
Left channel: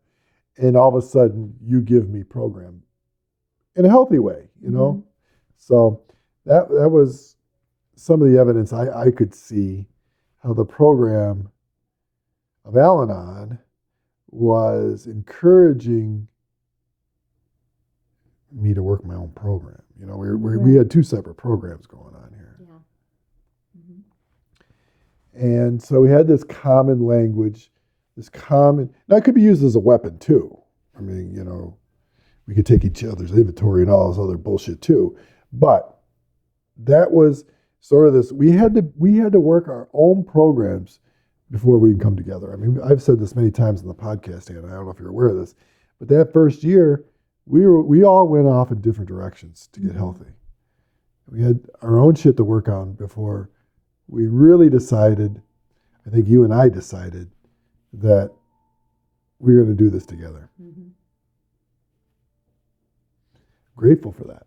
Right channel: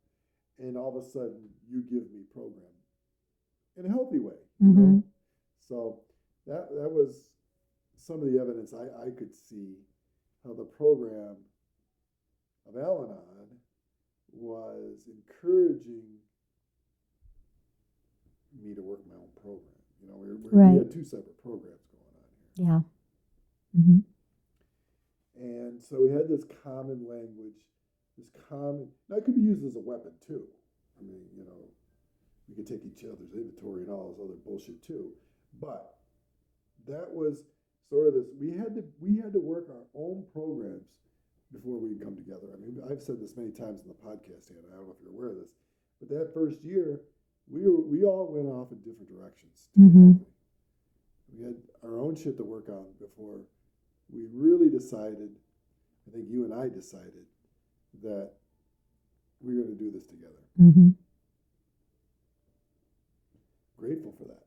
and all of a sudden you give me program in a healthy way, So that was some of the evidence I could see how the program of Al-Anon was encouraging me to work my own program. We had 2 separate programs going on here. Yeah. And so we had this common language, now it could be used as a weapon too. I mean, we could take each other's inventory and all this other bullshit too. But that was sort of this, we had to work our own programs before we can come together. I mean, I've said this many times in the podcast, and I don't know if you're aware of this, but that first year, we all went off in different directions to get healthy. We had our own shit to work on before we really decided, I think you and I decided, that we were going to do this together. Grateful for that.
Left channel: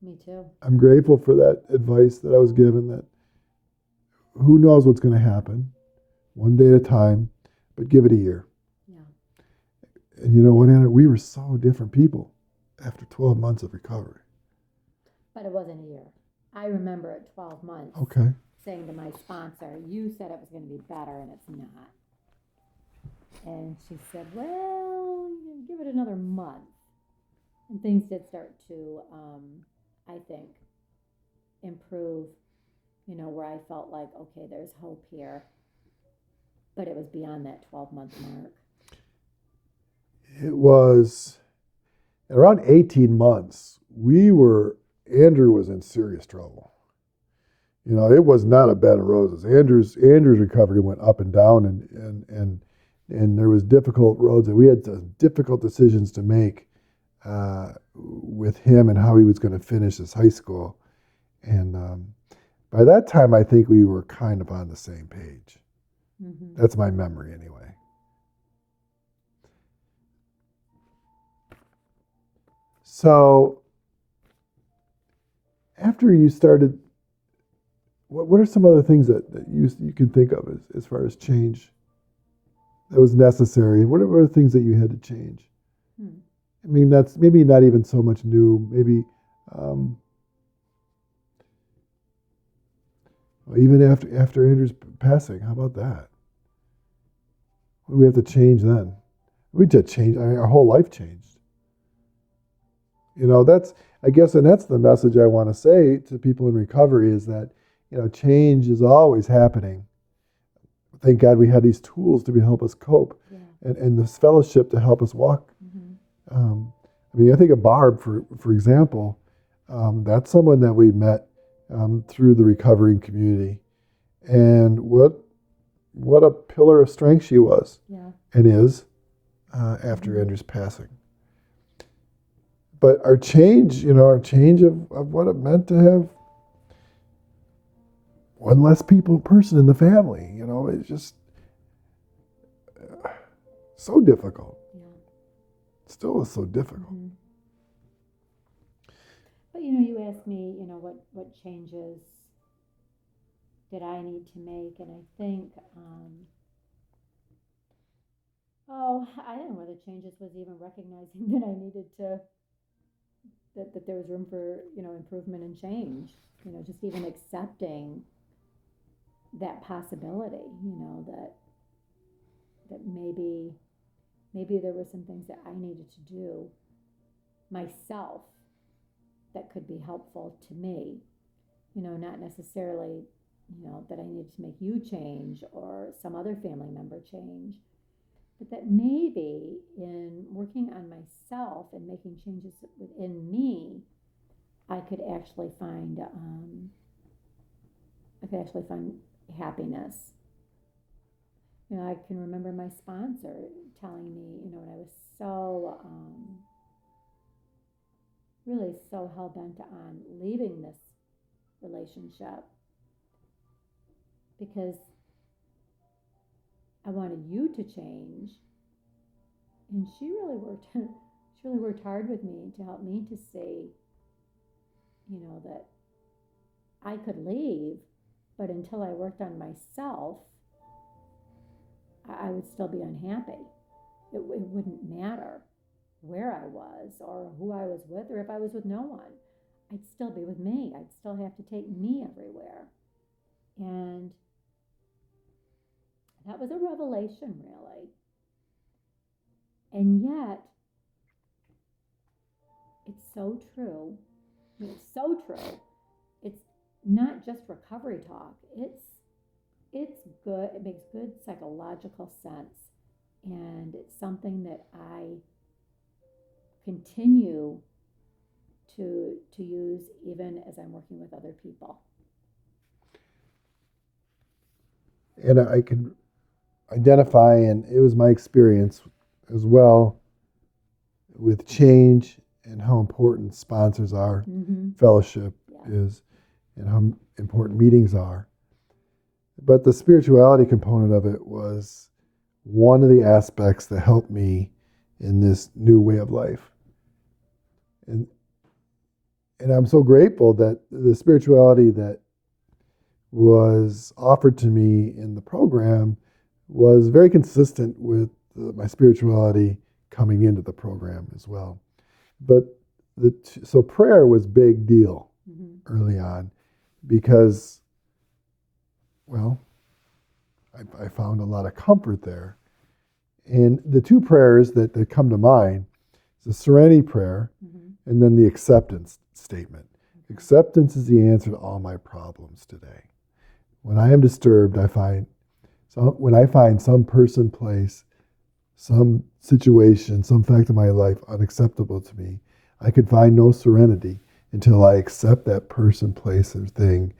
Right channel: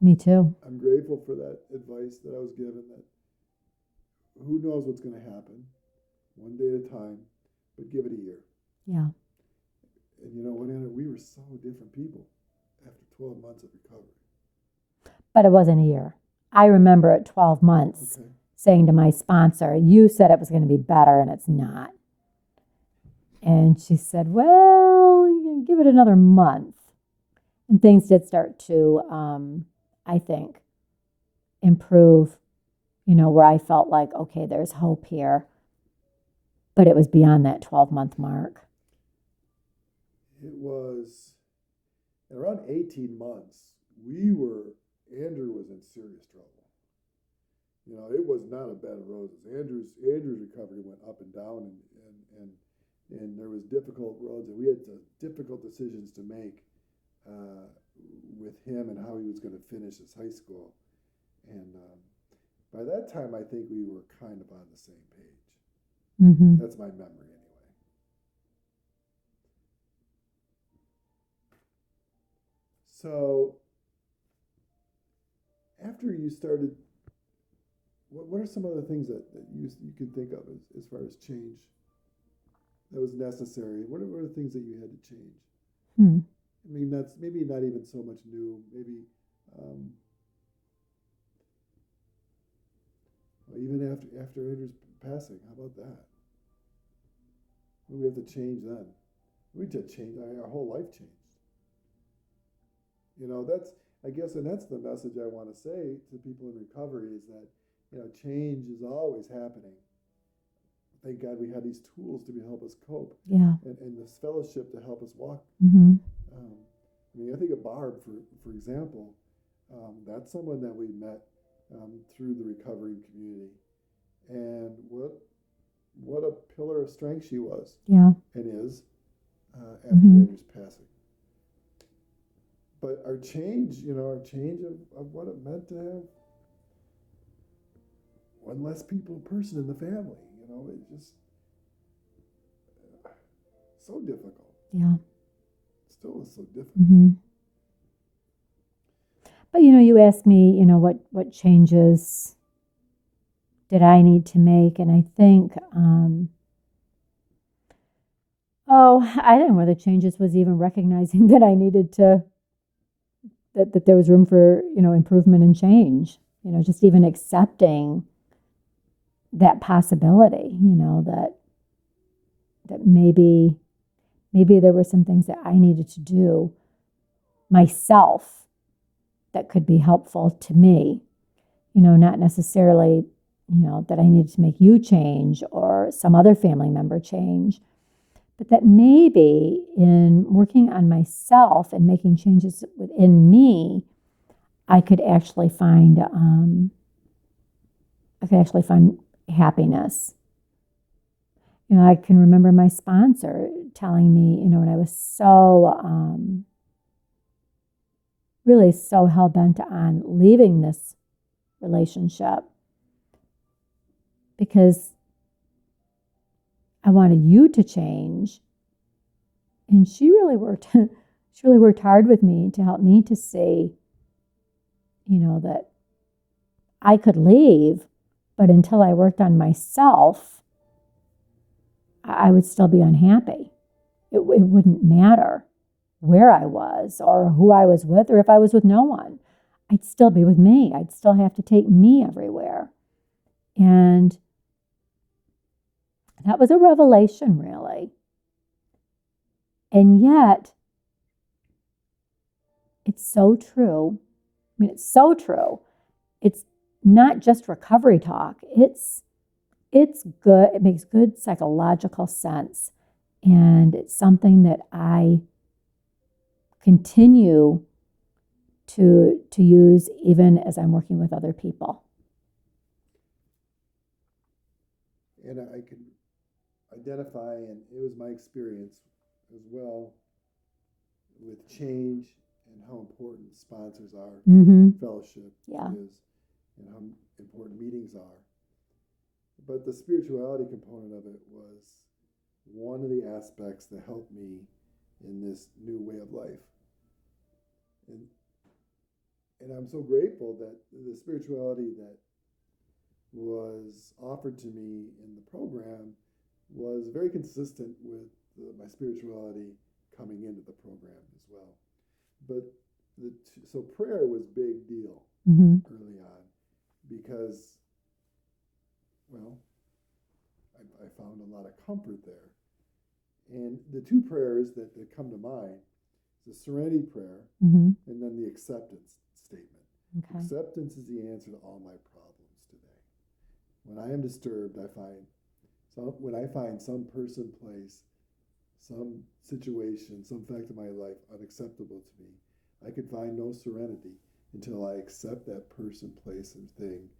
Me too. I'm grateful for that advice that I was given, that who knows what's going to happen, one day at a time, but give it a year. Yeah. And you know what, Anna? We were so different people after 12 months of recovery. But it wasn't a year. I remember at 12 months saying to my sponsor, you said it was going to be better, and it's not. And she said, well, you can give it another month. And things did start to, I think, improve, where I felt like, okay, there's hope here. But it was beyond that 12-month mark. It was around 18 months. Andrew was in serious trouble. It was not a bed of roses. Andrew's recovery went up and down, and there was difficult roads, and we had difficult decisions to make with him and how he was going to finish his high school. And by that time, I think we were kind of on the same page. Mm-hmm. That's my memory, anyway. So, after you started, what are some other things that you can think of as far as change that was necessary? What are things that you had to change? I mean, that's maybe not even so much new. Maybe even after Andrew's passing, how about that? What do we have to change then? We did change. I mean, our whole life changed. That's, I guess, and that's the message I want to say to people in recovery is that, change is always happening. Thank God we had these tools to help us cope, and this fellowship to help us walk. Mm-hmm. I mean, I think of Barb, for example. That's someone that we met through the recovering community, and what a pillar of strength she was, and is after Andrew's passing. But our change of what it meant to have one less person in the family, it's just so difficult. Yeah. It still is so difficult. Mm-hmm. But, you asked me, what changes did I need to make? And I think, I think one of the changes was even recognizing that I needed to, that there was room for, improvement and change, just even accepting that possibility, that maybe there were some things that I needed to do myself that could be helpful to me, not necessarily, that I needed to make you change or some other family member change, but that maybe in working on myself and making changes within me, I could actually find happiness. I can remember my sponsor telling me, when I was so really so hell-bent on leaving this relationship because I wanted you to change. And she really worked hard with me to help me to see, that I could leave, but until I worked on myself, I would still be unhappy. It wouldn't matter where I was or who I was with or if I was with no one. I'd still be with me. I'd still have to take me everywhere. And that was a revelation, really. And yet, it's so true. I mean, it's so true. It's not just recovery talk. It's good. It makes good psychological sense. And it's something that I continue to use even as I'm working with other people. And I can identify, and it was my experience as well, with change and how important sponsors are, fellowship is, and how important meetings are. But the spirituality component of it was one of the aspects that helped me in this new way of life. And I'm so grateful that the spirituality that was offered to me in the program was very consistent with my spirituality coming into the program as well. But so prayer was big deal early on because, well, I found a lot of comfort there. And the two prayers that come to mind is the serenity prayer and then the acceptance statement. Okay. Acceptance is the answer to all my problems today. When I am disturbed, when I find some person, place, some situation, some fact of my life unacceptable to me, I can find no serenity until I accept that person, place, or thing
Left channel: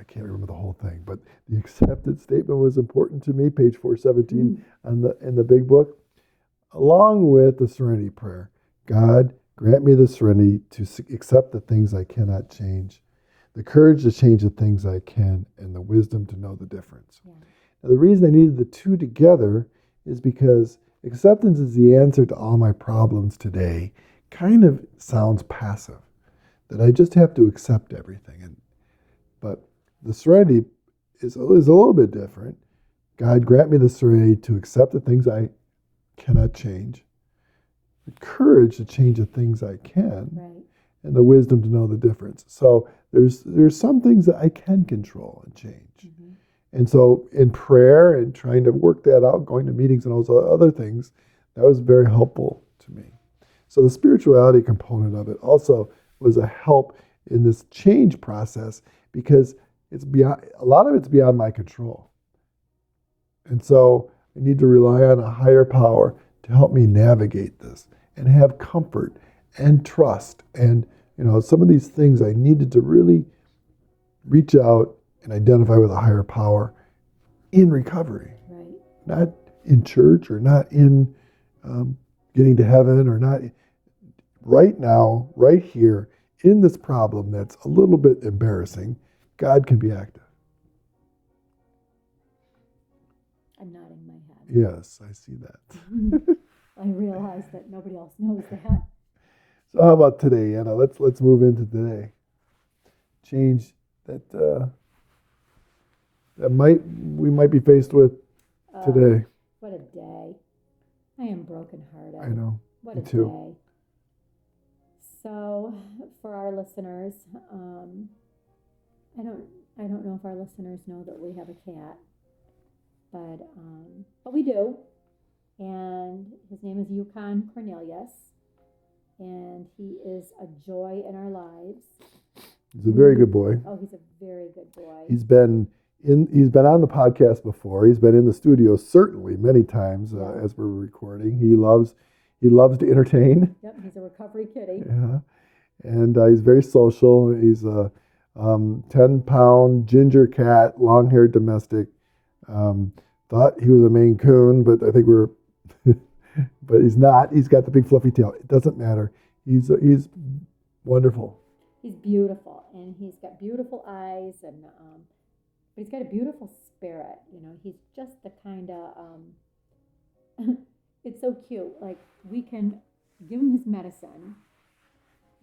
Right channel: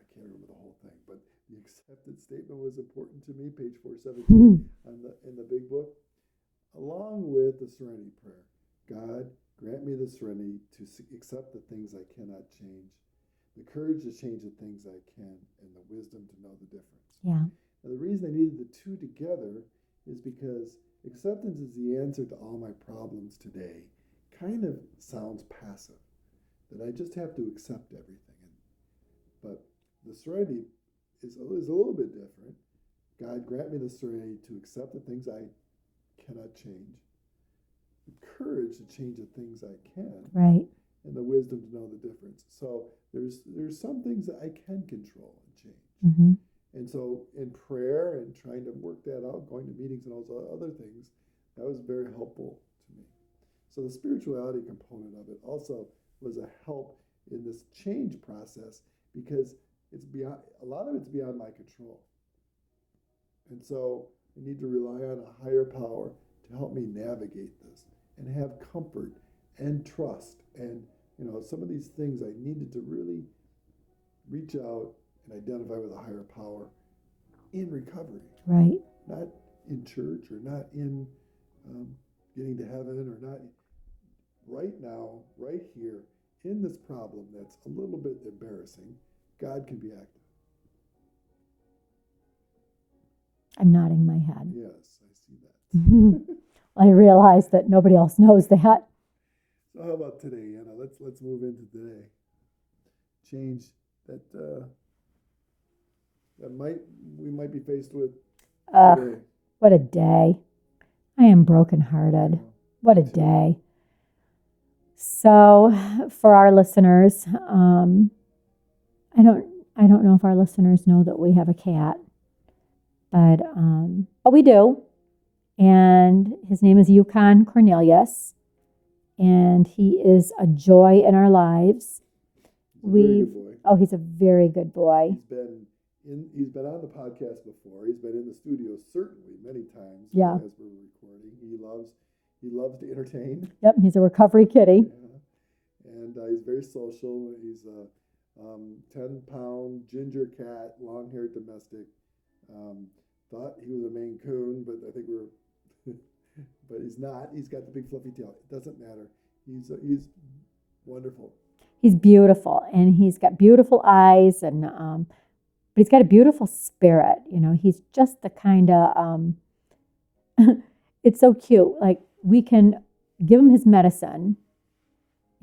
I can't remember the whole thing, but the acceptance statement was important to me, page 417 in the big book, along with the serenity prayer. God, grant me the serenity to accept the things I cannot change, the courage to change the things I can, and the wisdom to know the difference. Yeah. Now, the reason I needed the two together is because acceptance is the answer to all my problems today kind of sounds passive, that I just have to accept everything. But the serenity is a little bit different. God, grant me the serenity to accept the things I cannot change, the courage to change the things I can, Right. and the wisdom to know the difference. So there's some things that I can control and change. Mm-hmm. And so in prayer and trying to work that out, going to meetings and all those other things, that was very helpful to me. So the spirituality component of it also was a help in this change process because it's beyond, a lot of it's beyond my control. And so I need to rely on a higher power to help me navigate this and have comfort and trust. And, some of these things I needed to really reach out and identify with a higher power in recovery. Right. Not in church or not in getting to heaven or not right now, right here, in this problem that's a little bit embarrassing. God can be active. I'm nodding my head. Yes, I see that. I realize that nobody else knows that. So how about today, Anna? Let's move into today. Change that we might be faced with today. What a day. I am I brokenhearted. know. What a Me too. day. So for our listeners, I don't know if our listeners know that we have a cat, but we do. And his name is Yukon Cornelius, and he is a joy in our lives. He's a very good boy. Oh, he's a very good boy. He's been on the podcast before. He's been in the studio certainly many times as we're recording. He loves to entertain. Yep, he's a recovery kitty. Yeah, and he's very social. He's a 10-pound ginger cat, long-haired domestic. Thought he was a Maine Coon, but I think but he's not. He's got the big fluffy tail. It doesn't matter. He's wonderful. He's beautiful, and he's got beautiful eyes, and but he's got a beautiful spirit. He's just the kind of. It's so cute. Like, we can give him his medicine.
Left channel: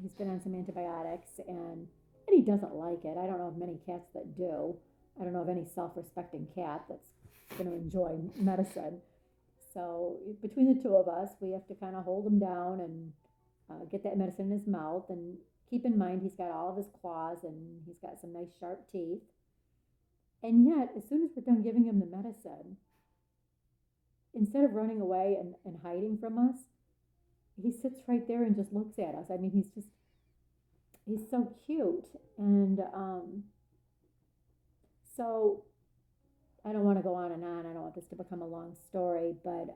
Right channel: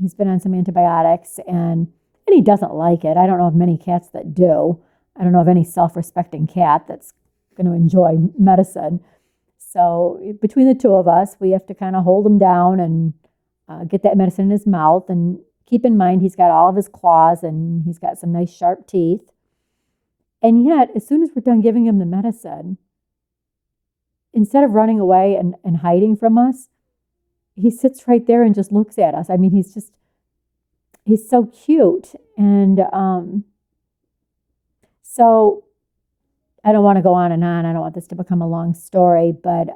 He's been on some antibiotics, and he doesn't like it. I don't know of many cats that do. I don't know of any self-respecting cat that's going to enjoy medicine. So between the two of us, we have to kind of hold him down and get that medicine in his mouth. And keep in mind, he's got all of his claws and he's got some nice sharp teeth. And yet, as soon as we're done giving him the medicine, instead of running away and hiding from us, he sits right there and just looks at us. I mean, he's so cute. And so I don't want to go on and on. I don't want this to become a long story, but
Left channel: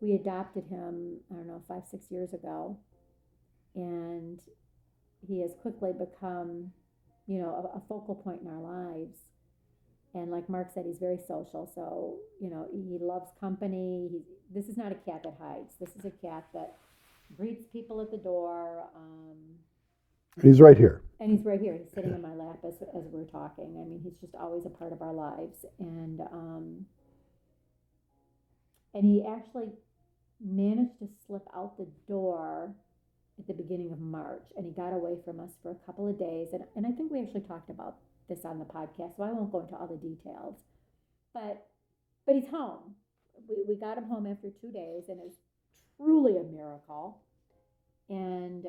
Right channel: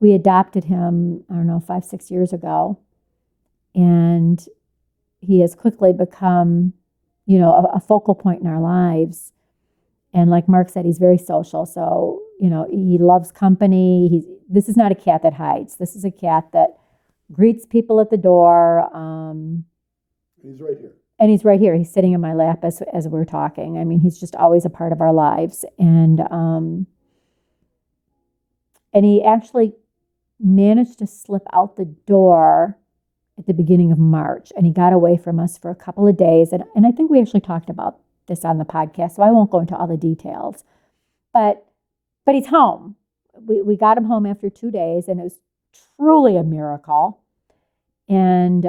we adopted him, 5-6 years ago. And he has quickly become, a focal point in our lives. And like Mark said, he's very social. So, he loves company. This is not a cat that hides. This is a cat that greets people at the door. He's right here. And he's right here. He's sitting in my lap as we're talking. I mean, he's just always a part of our lives. And he actually managed to slip out the door at the beginning of March. And he got away from us for a couple of days. And I think we actually talked about this on the podcast, so I won't go into all the details. But he's home. We got him home after 2 days, and it was truly a miracle. And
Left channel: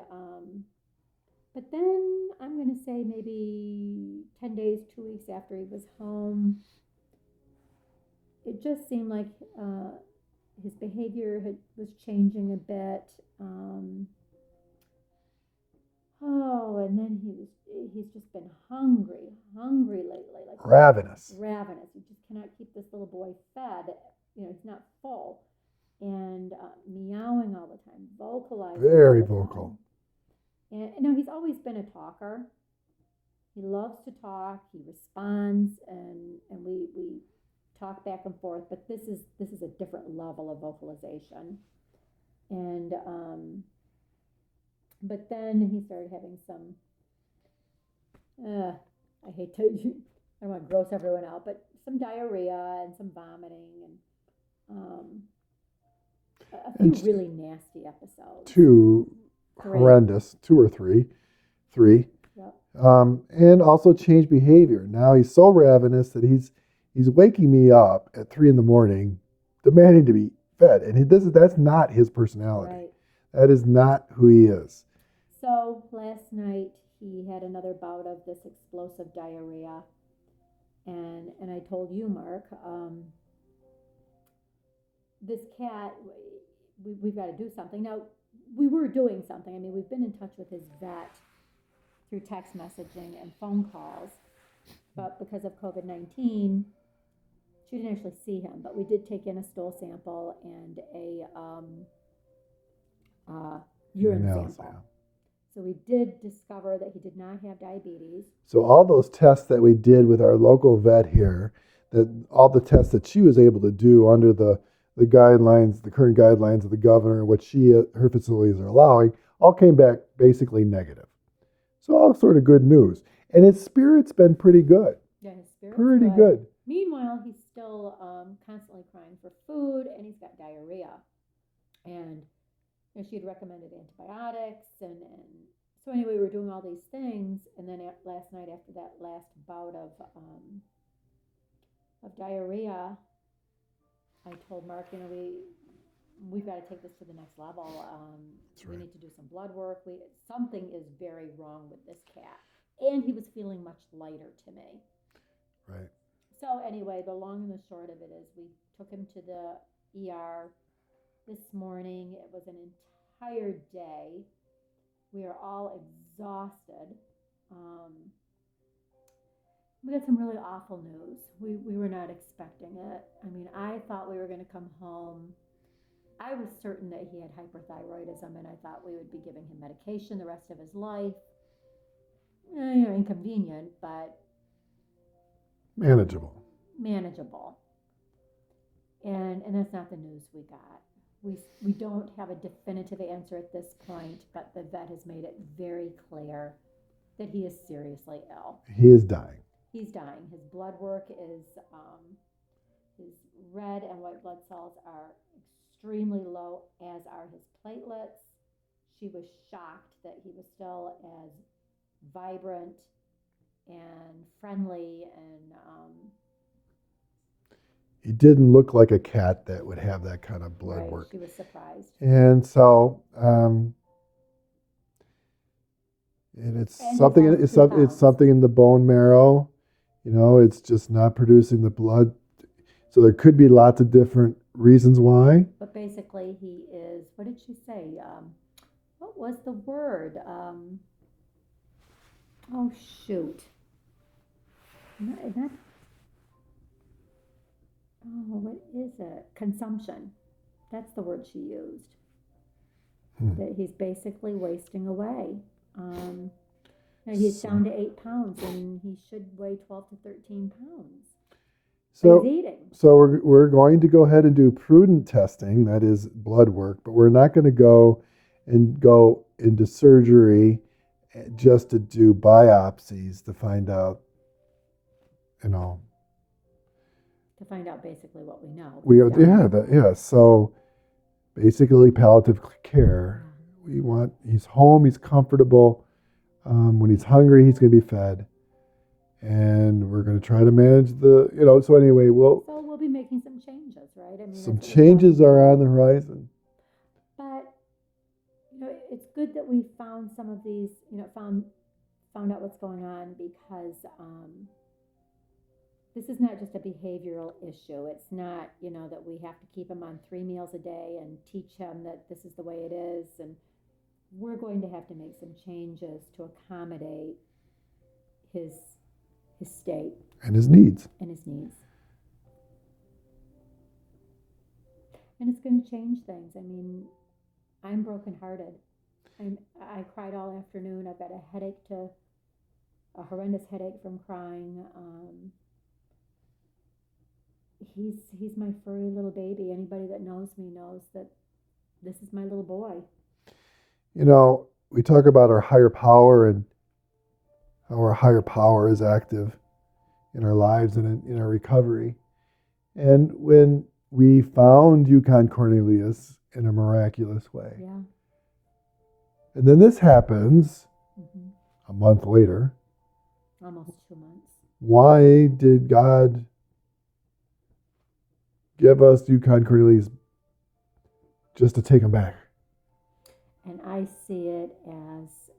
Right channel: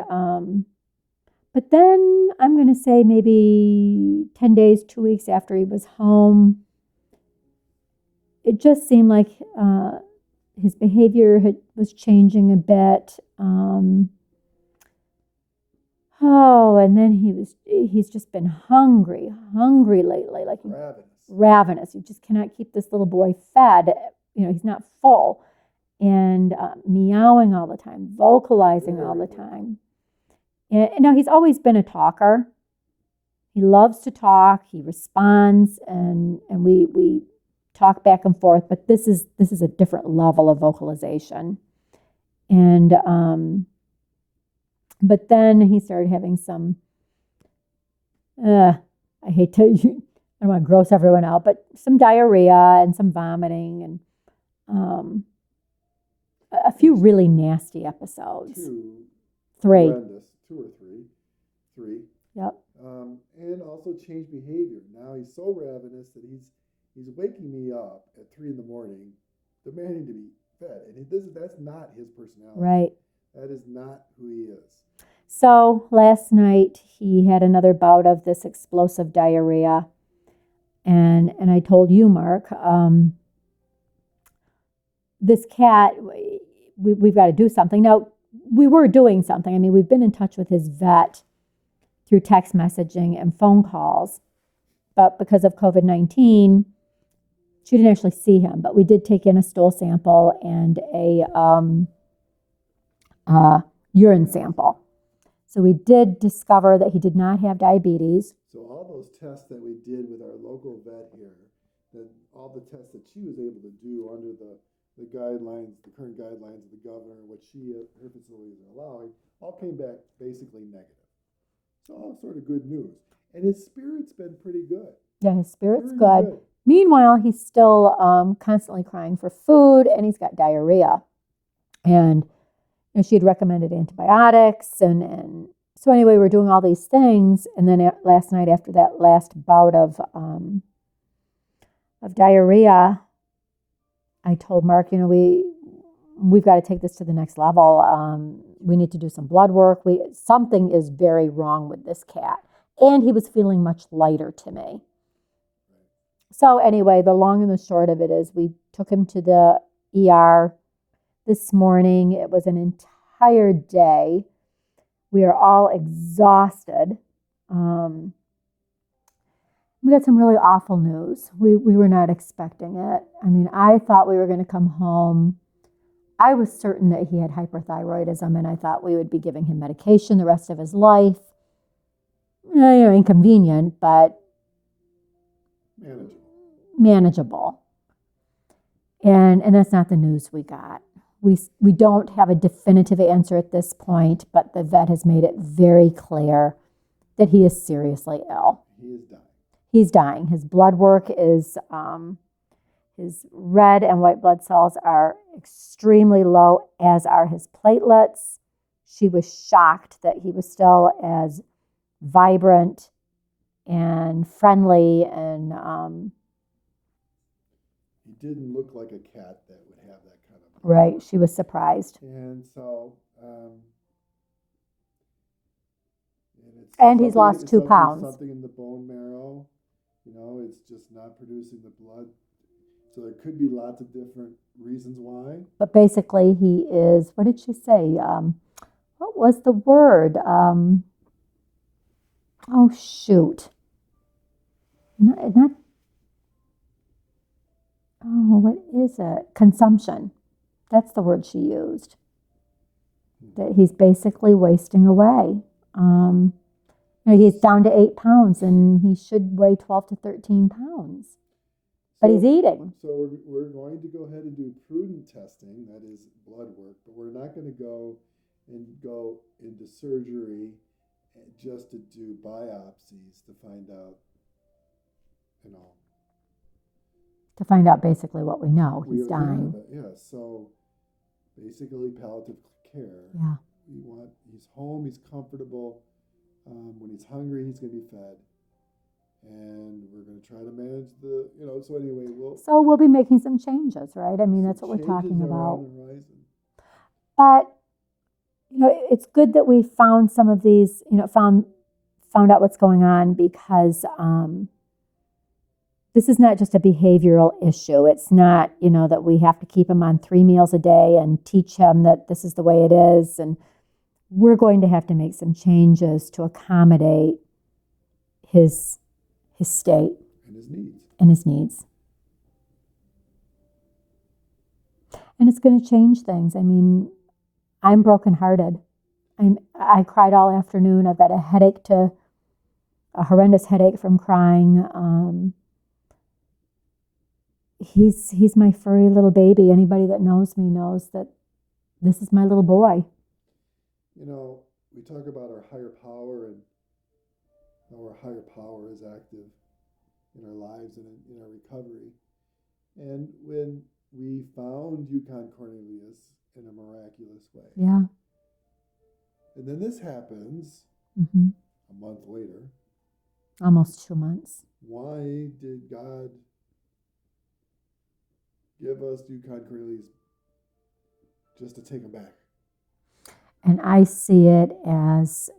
but then I'm going to say maybe 10 days, 2 weeks after he was home, it just seemed like his behavior was changing a bit. And then he's just been hungry lately. Like Ravenous. You just cannot keep this little boy fed. He's not full. And meowing all the time, vocalizing Very all the vocal. time. And now he's always been a talker. He loves to talk. He responds, and we talk back and forth. But this is a different level of vocalization. And but then he started having some. I hate to. I don't want to gross everyone out, but some diarrhea and some vomiting and a few really nasty episodes. Two or three. Yep. And also changed behavior. Now he's so ravenous that he's waking me up at 3 a.m, demanding to be fed, and that's not his personality. Right. That is not who he is. So last night he had another bout of this explosive diarrhea, and I told you, Mark, this cat, we've got to do something. Now, we were doing something. I mean, we've been in touch with his vet through text messaging and phone calls, but because of COVID-19, she didn't actually see him. But we did take in a stool sample and a urine sample. So we did discover that he did not have diabetes. So all those tests that we did with our local vet here, that all the tests that she was able to do under the guidelines, the current guidelines of the governor, what her facilities are allowing, all came back basically negative. So all sort of good news. And his spirit's been pretty good. Yeah, his spirit's pretty good. Meanwhile, he's still constantly crying for food, and he's got diarrhea. And she had recommended antibiotics. And so anyway, we're doing all these things. And then last night, after that last bout of diarrhea, I told Mark, we've got to take this to the next level. We need to do some blood work. Something is very wrong with this cat. And he was feeling much lighter to me. Right. So anyway, the long and the short of it is we took him to the ER this morning. It was an entire day. We are all exhausted. We got some really awful news. We were not expecting it. I mean, I thought we were going to come home. I was certain that he had hyperthyroidism, and I thought we would be giving him medication the rest of his life. Inconvenient, but manageable. And that's not the news we got. We don't have a definitive answer at this point, but the vet has made it very clear that he is seriously ill. He is dying. He's dying. His blood work is, his red and white blood cells are extremely low, as are his platelets. She was shocked that he was still as vibrant and friendly, and he didn't look like a cat that would have that kind of blood work. She was surprised. And so it's something in the bone marrow. It's just not producing the blood. So there could be lots of different reasons why. But basically he is, what did she say? What was the word? Oh, shoot. What is it? Consumption. That's the word she used. That he's basically wasting away. He's down to 8 pounds, and he should weigh 12 to 13 pounds. But he's eating. So we're going to go ahead and do prudent testing, that is blood work, but we're not going to go into surgery just to do biopsies to find out, To find out basically what we know. So basically palliative care. Yeah. He's home, he's comfortable. When he's hungry, he's going to be fed. And we're going to try to manage so anyway, we'll be making some changes, right? I mean, some that's what changes we're are on the horizon. But, it's good that we found some of these, found out what's going on, because this is not just a behavioral issue. It's not, that we have to keep him on 3 meals a day and teach him that this is the way it is. And we're going to have to make some changes to accommodate his state. And his needs. And it's going to change things. I mean, I'm brokenhearted. I cried all afternoon. I've got a headache a horrendous headache from crying. He's my furry little baby. Anybody that knows me knows that this is my little boy. You know, we talk about our higher power and how our higher power is active in our lives and in our recovery. And when we found Yukon Cornelius in a miraculous way, Yeah. and then this happens Mm-hmm. a month later, Almost 2 months. why did God give us Yukon Cornelius just to take him back? And I see it as,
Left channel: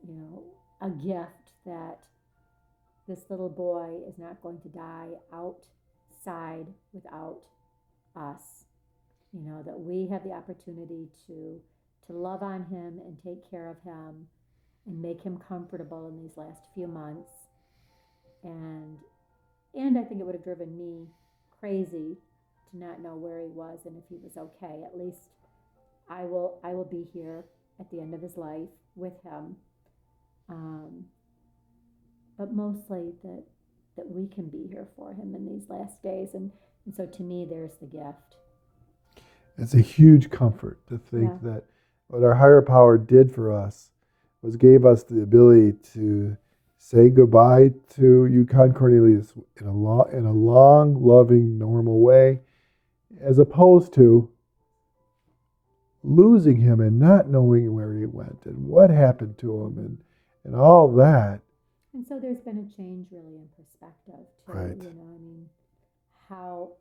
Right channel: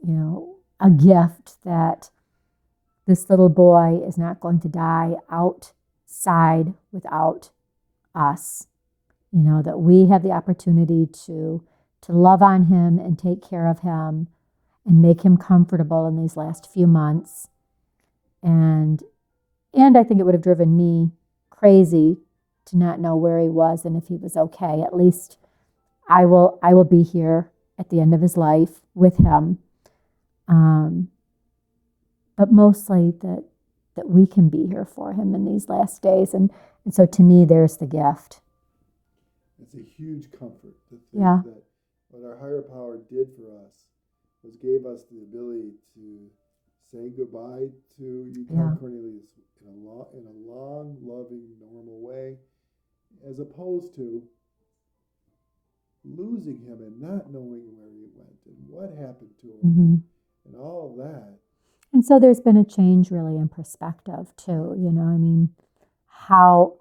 a gift that this little boy is not going to die outside without us. That we have the opportunity to love on him and take care of him and make him comfortable in these last few months. And I think it would have driven me crazy to not know where he was and if he was okay. At least I will be here at the end of his life with him. But mostly that we can be here for him in these last days. And so to me, there's the gift. It's a huge comfort to think Yeah. that what our higher power did for us was gave us the ability to say goodbye to Yukon Yeah. Cornelius in a long, loving, normal way, as opposed to losing him and not knowing where he went and what happened to him Mm-hmm. and all that. And so there's been a change really in perspective too. Right. How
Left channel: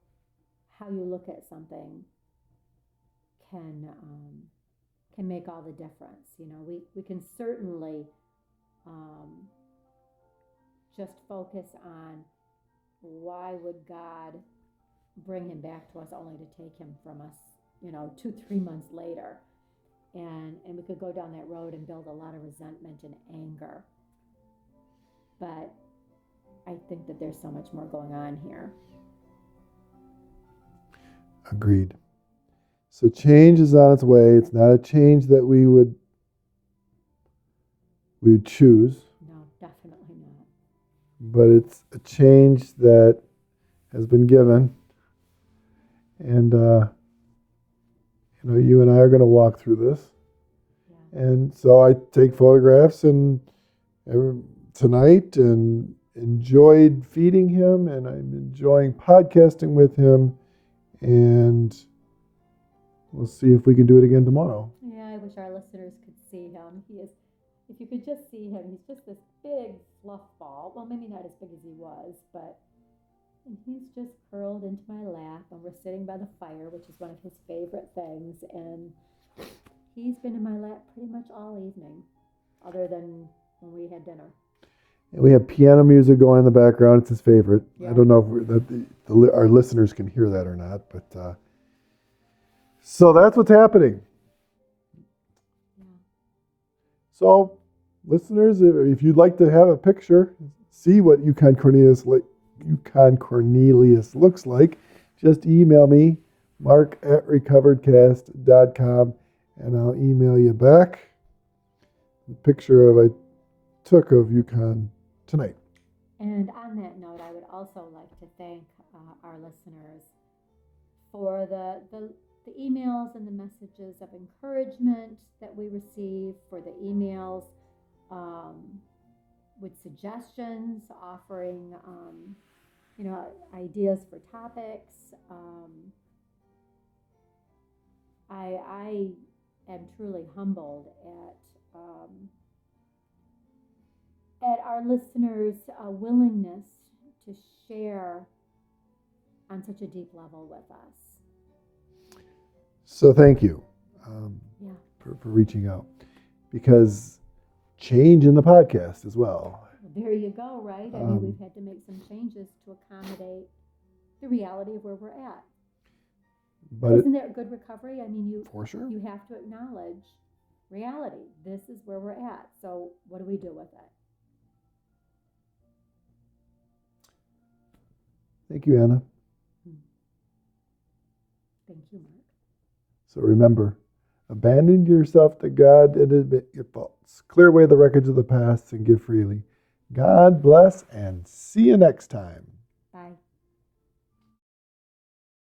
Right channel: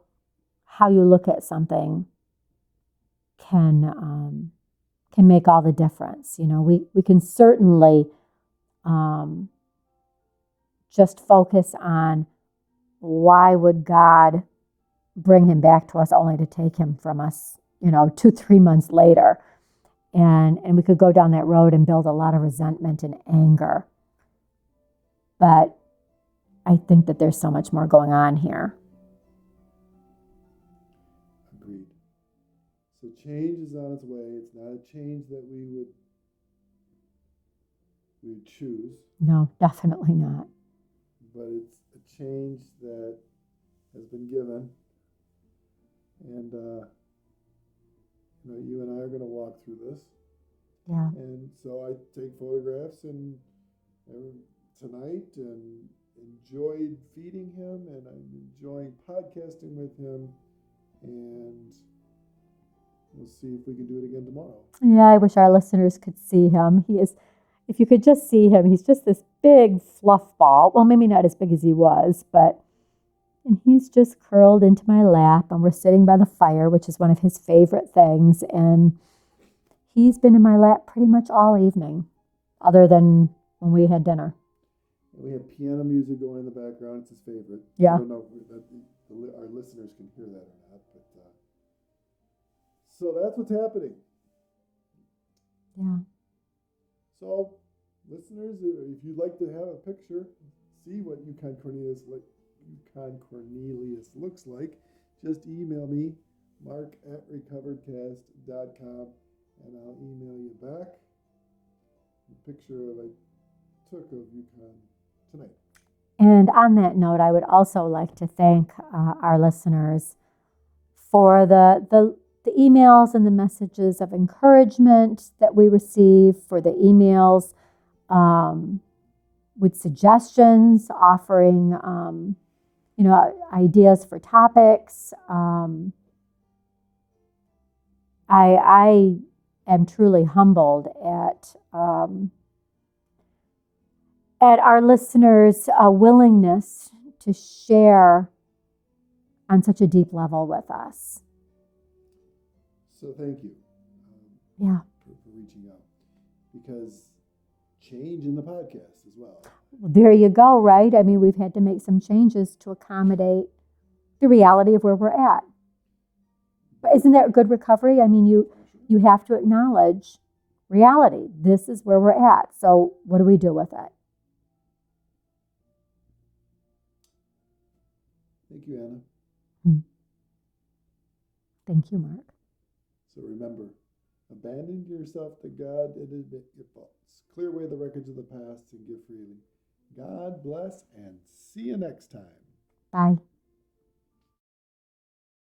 you look at something can make all the difference. We can certainly just focus on why would God bring him back to us only to take him from us, 2-3 months later. And we could go down that road and build a lot of resentment and anger. But I think that there's so much more going on here. Agreed. So change is on its way. It's not a change that we would choose, No, definitely not. but it's a change that has been given. And, you and I are going to walk through this. Yeah. And so I take photographs tonight and enjoyed feeding him, and I'm enjoying podcasting with him. And we'll see if we can do it again tomorrow. Yeah, I wish our listeners could see him. If you could just see him, he's just this big fluff ball. Well, maybe not as big as he was, and he's just curled into my lap, and we're sitting by the fire, which is one of his favorite things. And he's been in my lap pretty much all evening, other than when we had dinner. And we have piano music going in the background. It's his favorite. Yeah. I don't know if our listeners can hear that or not, but so that's what's happening. Yeah. So, listeners, if you'd like to have a picture, see what Yukon Cornelius looks like, just email me, mark@recoveredcast.com, and I'll email you back the picture I took of Yukon tonight. And on that note, I would also like to thank our listeners for the emails and the messages of encouragement that we receive, for the emails with suggestions, offering ideas for topics. I am truly humbled at our listeners' willingness to share on such a deep level with us. So thank you for reaching out, because change in the podcast as well. There you go, right? I mean, we've had to make some changes to accommodate the reality of where we're at. Isn't that good recovery? I mean, for sure. You have to acknowledge reality. This is where we're at. So what do we do with it? Thank you, Anna. Thank you, Mark. So remember, abandon yourself to God and admit your faults. Clear away the wreckage of the past and give freely. God bless and see you next time. Bye.